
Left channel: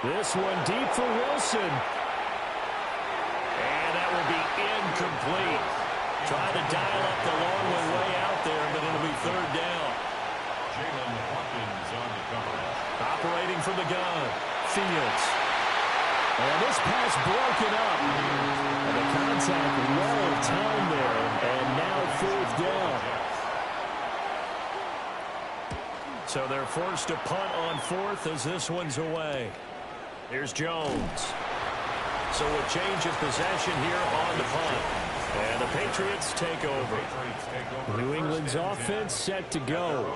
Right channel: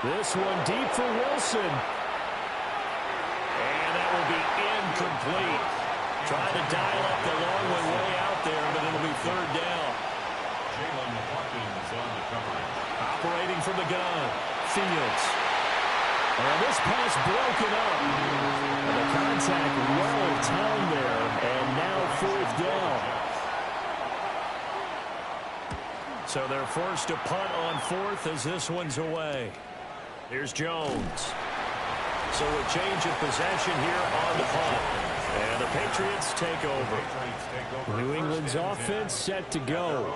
This one deep for Wilson. And that will be incomplete. Trying to dial up the long one way out there, but it'll be 3rd down. Jalen Hawkins on the coverage. Operating from the gun. Fields. And this pass broken up. And the contact well timed there. And now 4th down. So they're forced to punt on 4th as this one's away. Here's Jones. So a change of possession here on the punt. And the Patriots take over. New England's offense set to go.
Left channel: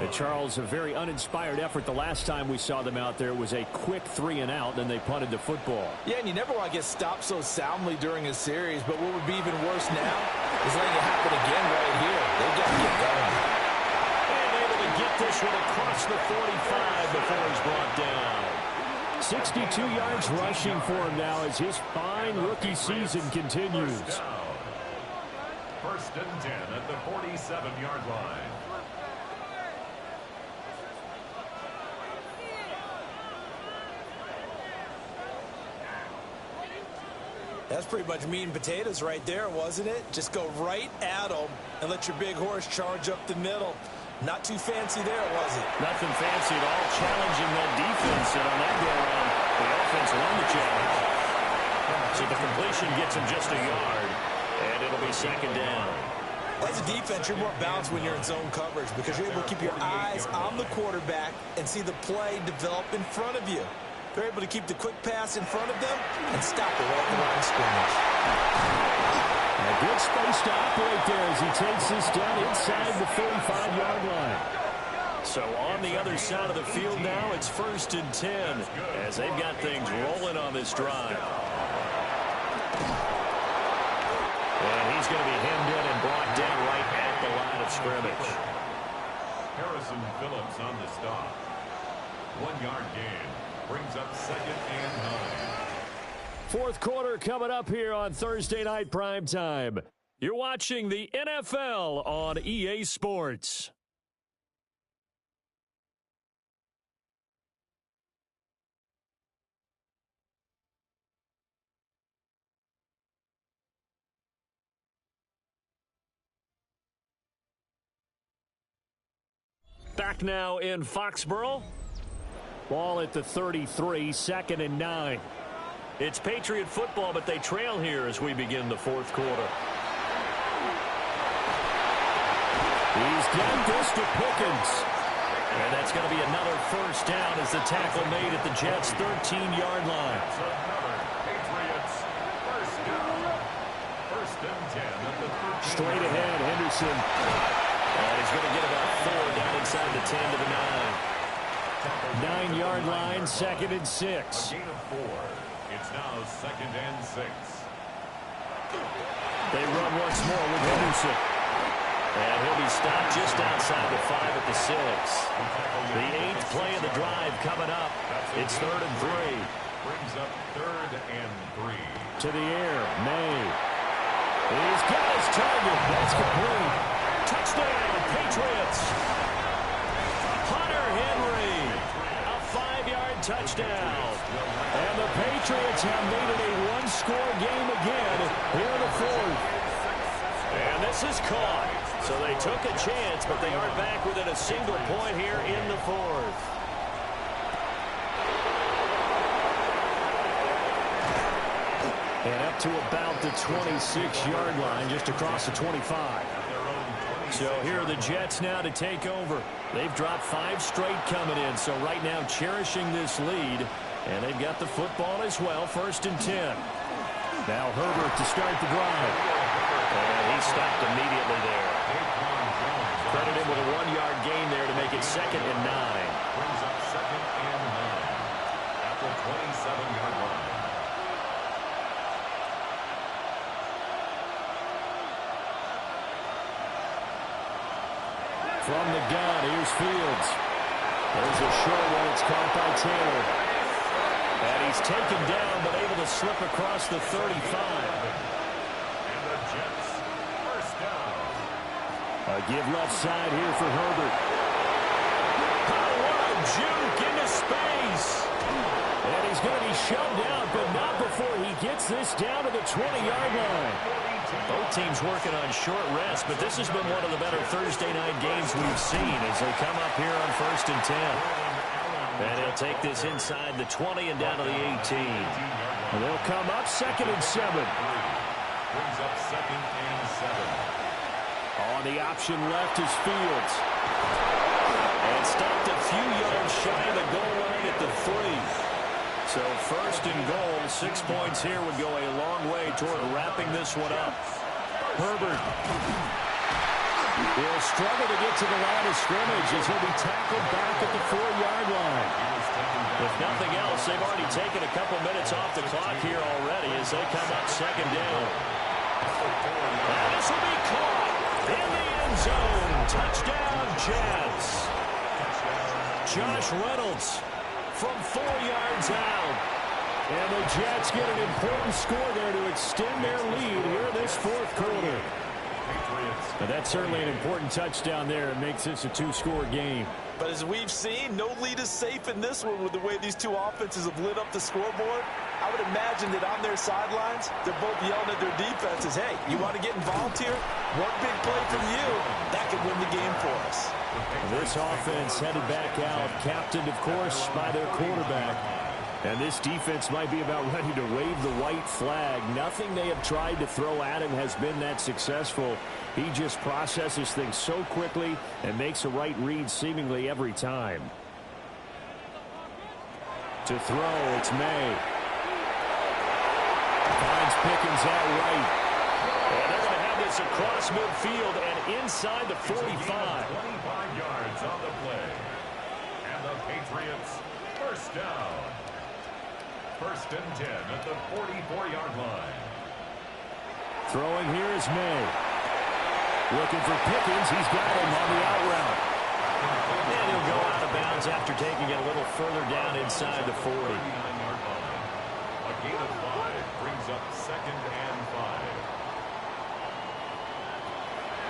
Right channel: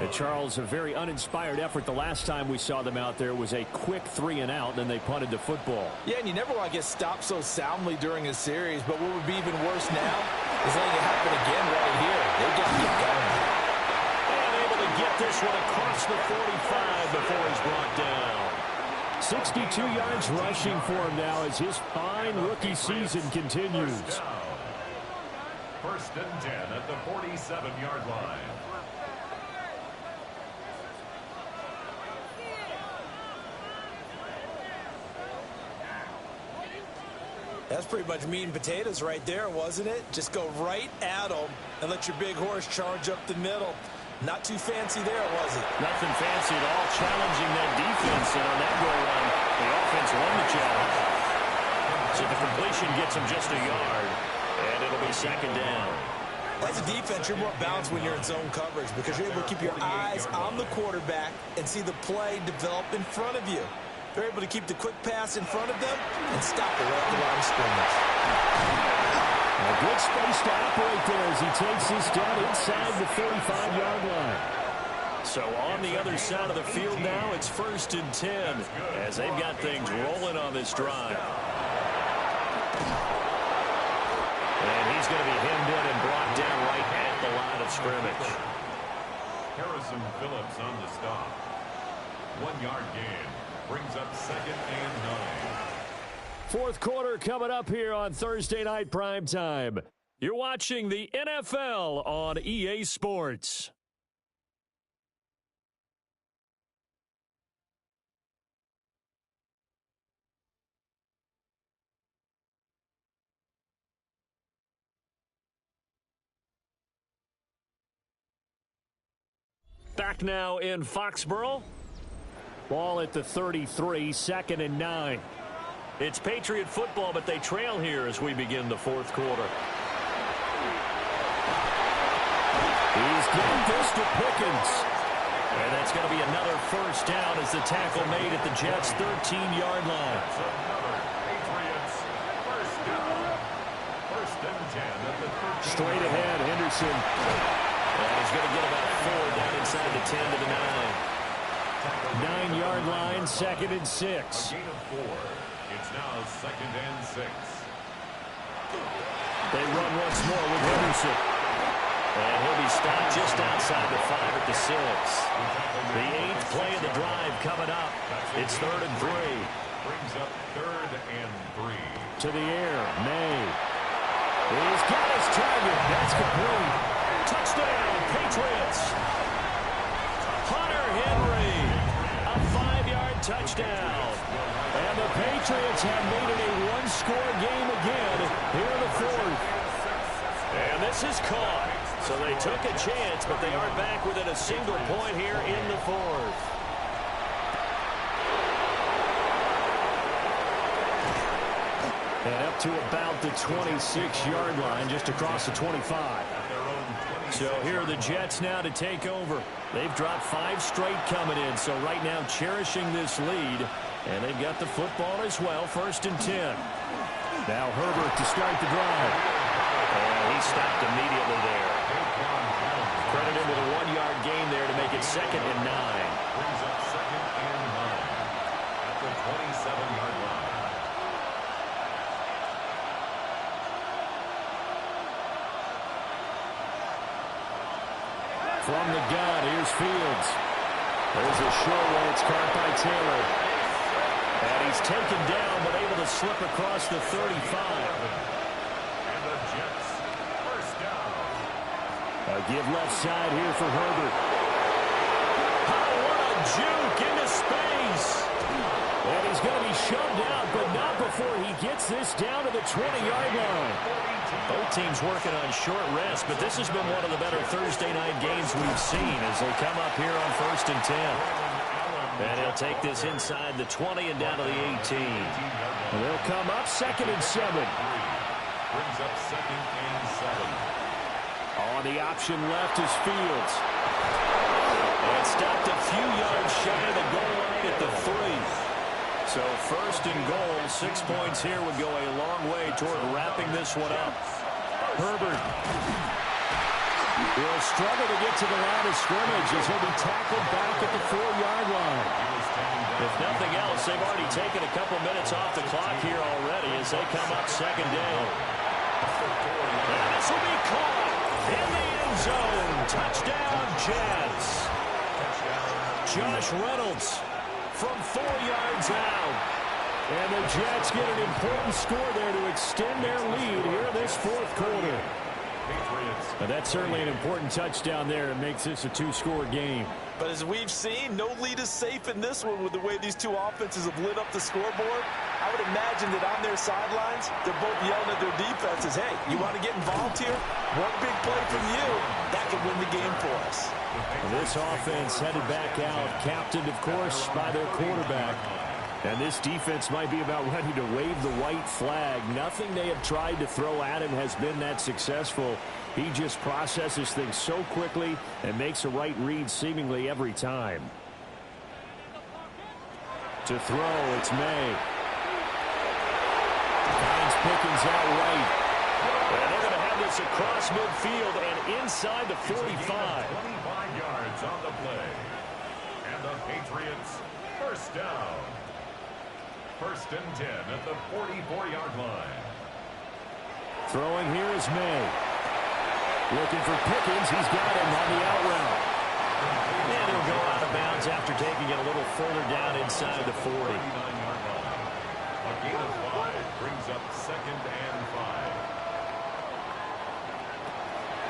And Charles, a very uninspired effort. The last time we saw them out there was a quick 3-and-out, then they punted the football. Yeah, and you never want to get stopped so soundly during a series, but what would be even worse now is letting it happen again right here. They've got to get going. And able to get this one across the 45 before he's brought down. 62 yards rushing for him now as his fine rookie season continues. 1st and 10 at the 47-yard line. That's pretty much meat and potatoes right there, wasn't it? Just go right at them and let your big horse charge up the middle. Not too fancy there, was it? Nothing fancy at all, challenging that defense, and on that go-around, the offense won the challenge. So the completion gets him just a yard, and it'll be second down. As a defense, you're more balanced when you're in zone coverage because you're able to keep your eyes on the quarterback and see the play develop in front of you. They're able to keep the quick pass in front of them and stop it right at the line of scrimmage. A good space to operate there as he takes this down inside the 35-yard line. So on the other side of the field now, it's 1st and 10 as they've got things rolling on this drive. And he's going to be hemmed in and brought down right at the line of scrimmage. Harrison Phillips on the stop. 1-yard gain. Brings up 2nd and 9. Fourth quarter coming up here on Thursday Night Primetime. You're watching the NFL on EA Sports. Back now in Foxborough. Ball at the 33, 2nd and 9. It's Patriot football, but they trail here as we begin the fourth quarter. He's got this to Pickens. And that's going to be another first down as the tackle made at the Jets' 13-yard line. That's another Patriots first down. 1st and 10 at the 13. Straight ahead, Henderson. And he's going to get about 4 down inside the 10 to the 9. 9-yard line, 2nd and 6. A gain of 4. It's now 2nd and 6. They run once more with Henderson. And he'll be stopped just outside the 5 at the 6. The 8th play of the drive coming up. It's 3rd and 3. Brings up 3rd and 3. To the air, May. He's got his target. That's complete. Touchdown, Patriots. Hunter Henry. A 5-yard touchdown. And the Patriots have made it a one-score game again here in the fourth. And this is caught. So they took a chance, but they aren't back within a single point here in the fourth. And up to about the 26-yard line, just across the 25. So here are the Jets now to take over. They've dropped 5 straight coming in, so right now cherishing this lead. And they've got the football as well, 1st and 10. Now Herbert to start the drive. And he stopped immediately there. Credit him with a 1-yard gain there to make it 2nd and 9. Brings up 2nd and 9 at the 27-yard line. From the gun, here's Fields. There's a short one. It's caught by Taylor. And he's taken down, but able to slip across the 35. And the Jets first down. A give left side here for Herbert. Oh, what a juke into space. And he's going to be shoved out, but not before he gets this down to the 20-yard line. Both teams working on short rest, but this has been one of the better Thursday night games we've seen as they come up here on 1st and 10. And he'll take this inside the 20 and down to the 18. And they'll come up 2nd and 7. Brings up 2nd and 7. On the option left is Fields. And stopped a few yards shy of the goal line at the 3. So 1st and goal, 6 points here would go a long way toward wrapping this one up. Herbert will struggle to get to the line of scrimmage as he'll be tackled back at the 4-yard line. If nothing else, they've already taken a couple minutes off the clock here already as they come up 2nd down. And this will be caught in the end zone. Touchdown, Jets. Josh Reynolds from 4 yards out. And the Jets get an important score there to extend their lead here this fourth quarter. And that's certainly an important touchdown there. It makes this a 2-score game. But as we've seen, no lead is safe in this one with the way these two offenses have lit up the scoreboard. I would imagine that on their sidelines, they're both yelling at their defenses, hey, you want to get involved here? One big play from you, that could win the game for us. This offense headed back out, captained, of course, by their quarterback. And this defense might be about ready to wave the white flag. Nothing they have tried to throw at him has been that successful. He just processes things so quickly and makes a right read seemingly every time. To throw, it's May. Finds Pickens out right. And they're going to have this across midfield and inside the 45. 25 yards on the play. And the Patriots first down. First and 10 at the 44-yard line. Throwing here is May. Looking for Pickens. He's got him on the out route. And he'll go out of bounds after taking it a little further down inside the 40. 39-yard line. A gain of 5 brings up second and 5.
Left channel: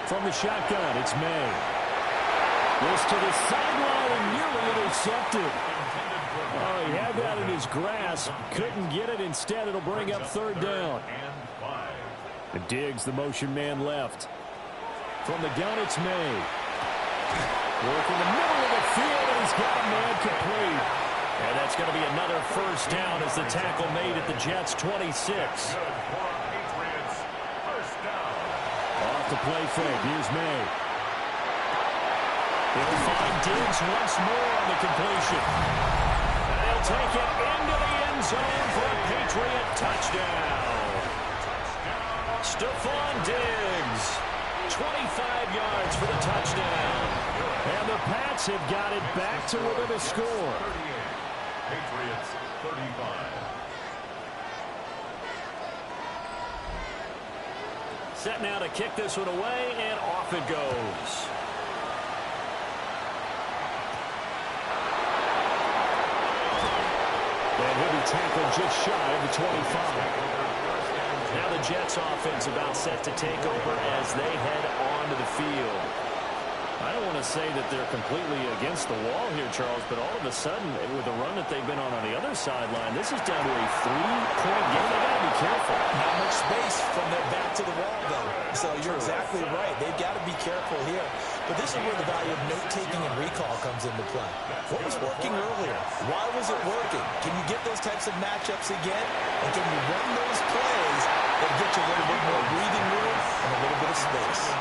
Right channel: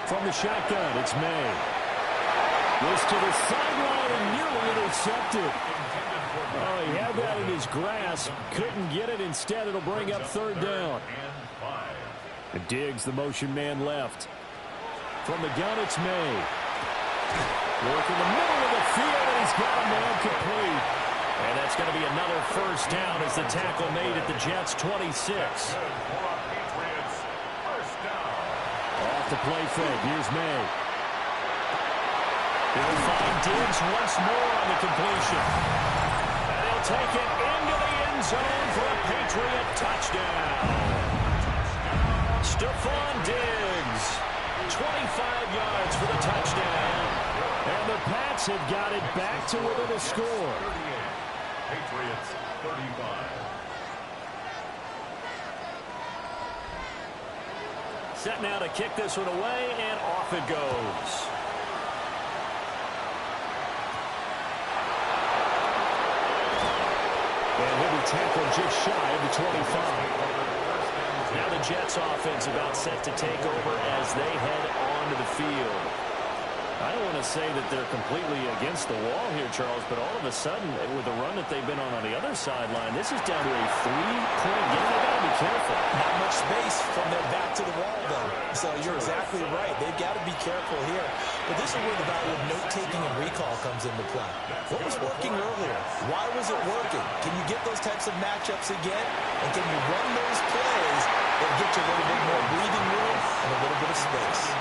From the shotgun, it's May. This to the sideline and nearly intercepted. Oh, he had that in his grasp. Couldn't get it. Instead, it'll bring up third down. And Diggs, the motion man, left. From the gun, it's May. Work in the middle of the field, and he's got a man complete. And that's going to be another first down as the tackle made at the Jets' 26. Off the play fake. Here's May. He'll find Diggs once more on the completion. And he'll take it into the end zone for a Patriot touchdown. Stephon Diggs, 25 yards for the touchdown. And the Pats have got it back to within a score. Patriots 35. Set now to kick this one away, and off it goes. And he'll be tackled just shy of the 25. Now the Jets offense about set to take over as they head onto the field. I don't want to say that they're completely against the wall here, Charles, but all of a sudden, with the run that they've been on the other sideline, this is down to a 3-point game. They've got to be careful. Not much space from their back to the wall, though. So you're exactly right. They've got to be careful here. But this is where the value of note-taking and recall comes into play. What was working earlier? Why was it working? Can you get those types of matchups again? And can you run those plays that get you a little bit more breathing room and a little bit of space?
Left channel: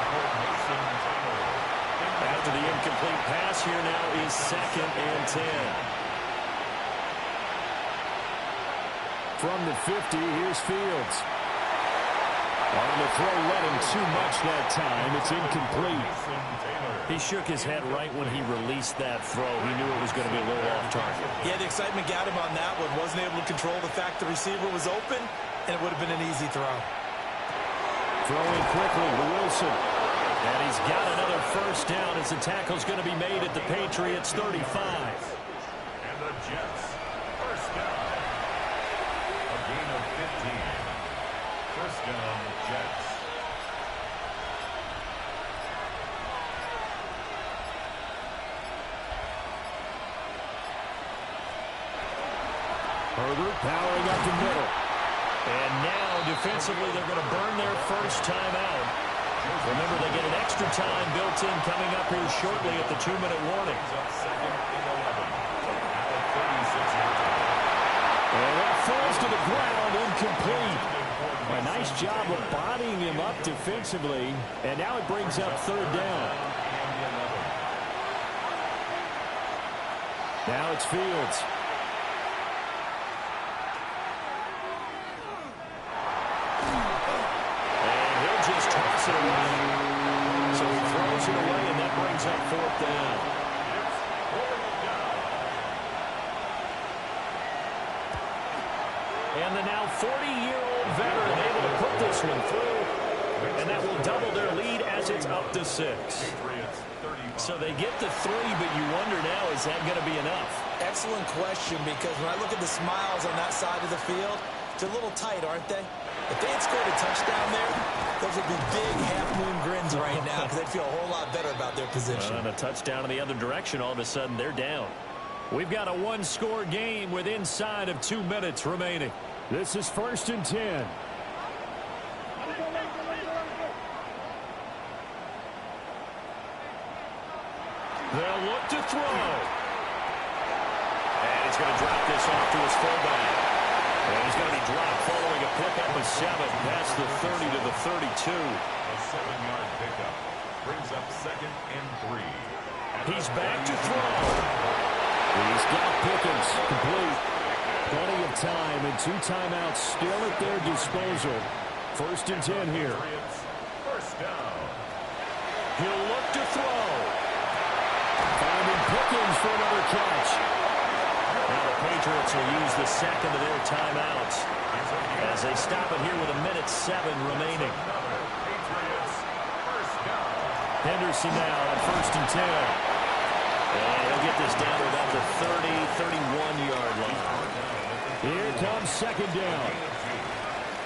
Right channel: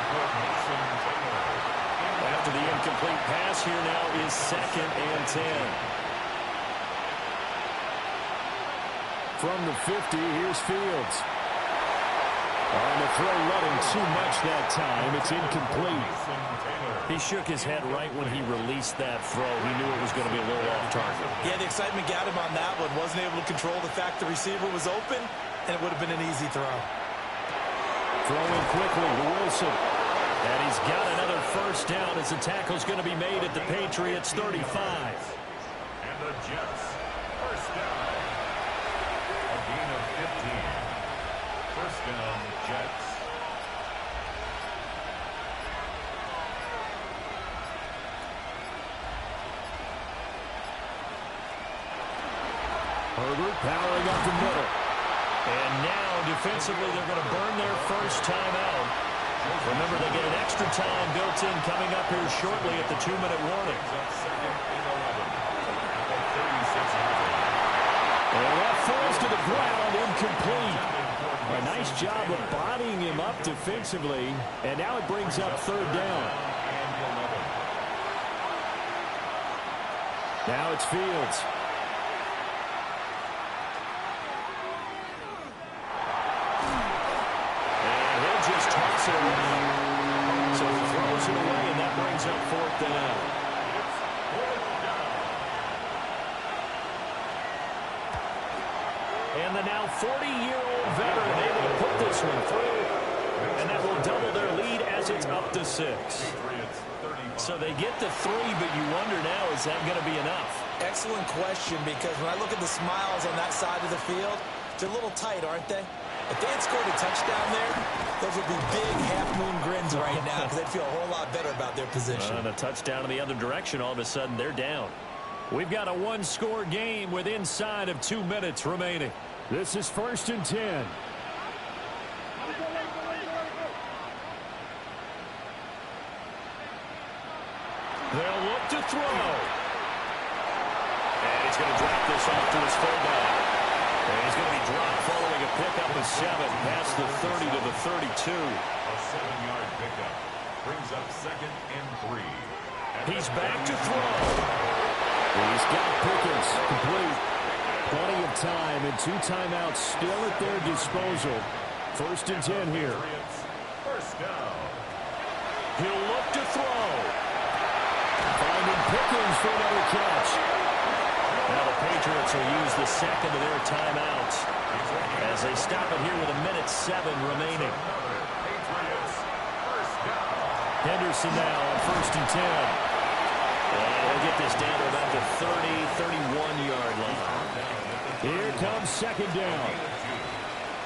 After the incomplete pass, here now is second and 10. From the 50, here's Fields. On the throw, running too much that time. It's incomplete. He shook his head right when he released that throw. He knew it was going to be a little off target. Yeah, the excitement got him on that one. Wasn't able to control the fact the receiver was open, and it would have been an easy throw. Throwing quickly to Wilson. And he's got another first down as the tackle's going to be made at the Patriots' 35. And the Jets, first down. A gain of 15. First down, Jets. Herbert powering up the middle. And now, defensively, they're going to burn their first time out. Remember, they get an extra time built in coming up here shortly at the 2-minute warning. And that falls to the ground, incomplete. A nice job of bodying him up defensively, and now it brings up third down. Now it's Fields. Just toss it away. So he throws it away, and that brings up fourth down. It's fourth down. And the now 40-year-old veteran able to put this one through, and that will double their lead as it's up to 6. So they get the 3, but you wonder now, is that going to be enough? Excellent question, because when I look at the smiles on that side of the field, they're a little tight, aren't they? If they had scored a touchdown there, those would be big half-moon grins right now because they'd feel a whole lot better about their position. And a touchdown in the other direction, all of a sudden they're down. We've got a one-score game with inside of 2 minutes remaining. This is 1st and 10. They'll look to throw. And he's going to drop this off to his fullback. And he's going to be dropped following a pickup of 7 past the 30 to the 32. A 7-yard pickup brings up 2nd and 3. He's back to throw. He's got Pickens complete. Plenty of time and 2 timeouts still at their disposal. 1st and 10 here. First down. He'll look to throw. Finding Pickens for another catch. Now the Patriots will use the second of their timeouts as they stop it here with 1:07 remaining. Henderson now on 1st and 10. And he'll get this down to about the 31-yard line. Here comes 2nd down.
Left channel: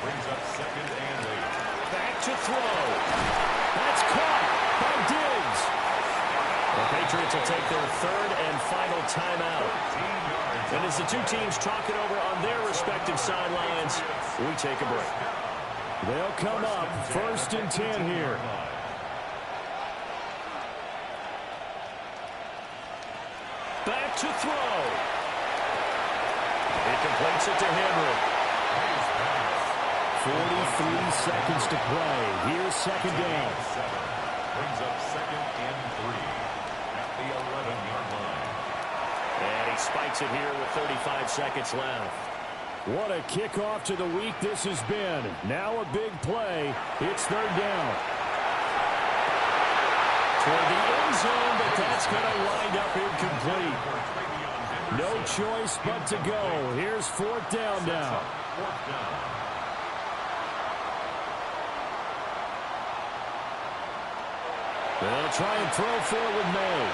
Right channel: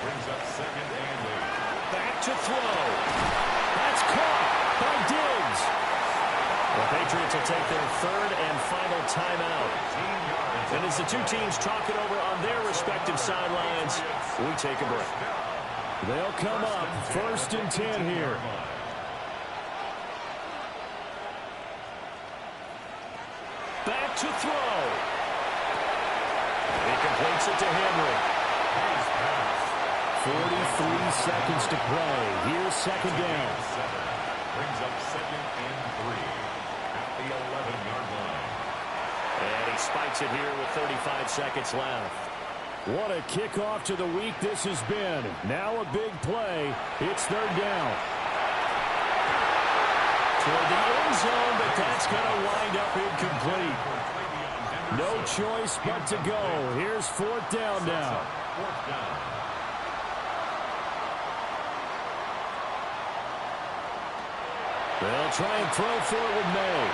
Brings up 2nd and 8. Back to throw. That's caught by Diggs. The Patriots will take their 3rd and final timeout. And as the 2 teams talk it over on their respective sidelines, we take a break. They'll come up 1st and 10 here. Back to throw. He completes it to Henry. 43 seconds to play. Here's 2nd down. Brings up 2nd and 3 at the 11-yard line. And he spikes it here with 35 seconds left. What a kickoff to the week this has been. Now a big play. It's 3rd down. Toward the end zone, but that's going to wind up incomplete. No choice but to go. Here's 4th down now. 4th down. They'll try and throw for it with May.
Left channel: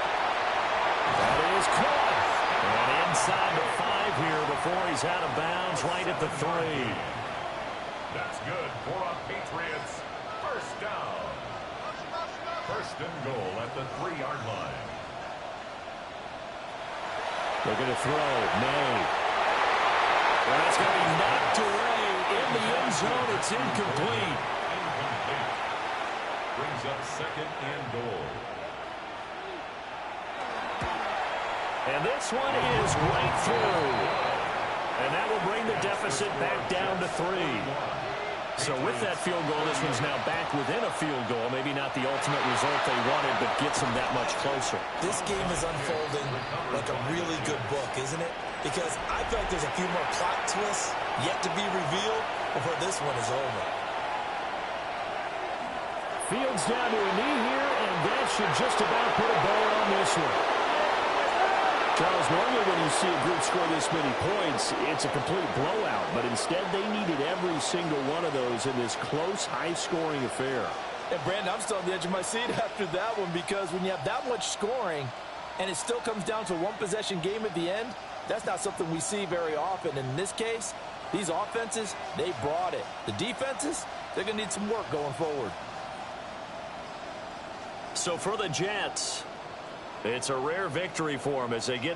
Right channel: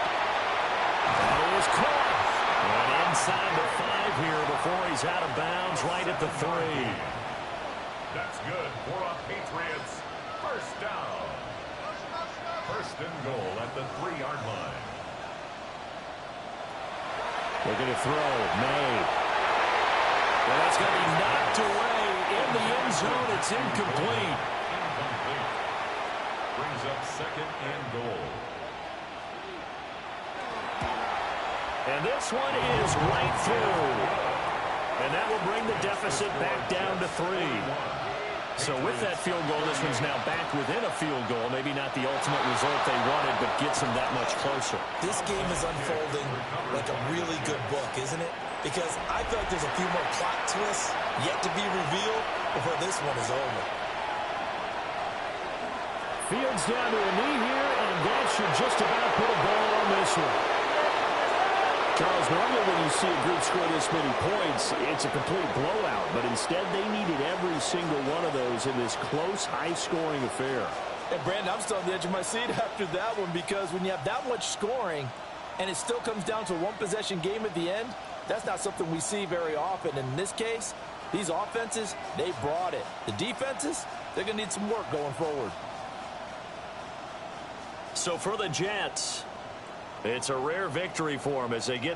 That is caught. And inside the 5 here before he's out of bounds right at the 3. That's good for a Patriots first down. 1st and goal at the 3-yard line. Looking to throw. May. Well, that's going to be knocked away in the end zone. It's incomplete. Incomplete. Brings up 2nd and goal. And this one is right through. And that will bring the deficit back down to 3. So with that field goal, this one's now back within a field goal. Maybe not the ultimate result they wanted, but gets them that much closer. This game is unfolding like a really good book, isn't it? Because I feel like there's a few more plot twists yet to be revealed before this one is over. Fields down to a knee here, and that should just about put a ball on this one. Charles, normally when you see a group score this many points, it's a complete blowout. But instead, they needed every single one of those in this close, high-scoring affair. And, Brandon, I'm still on the edge of my seat after that one because when you have that much scoring and it still comes down to a one-possession game at the end, that's not something we see very often. In this case, these offenses, they brought it. The defenses, they're going to need some work going forward. So for the Jets, it's a rare victory for them as they get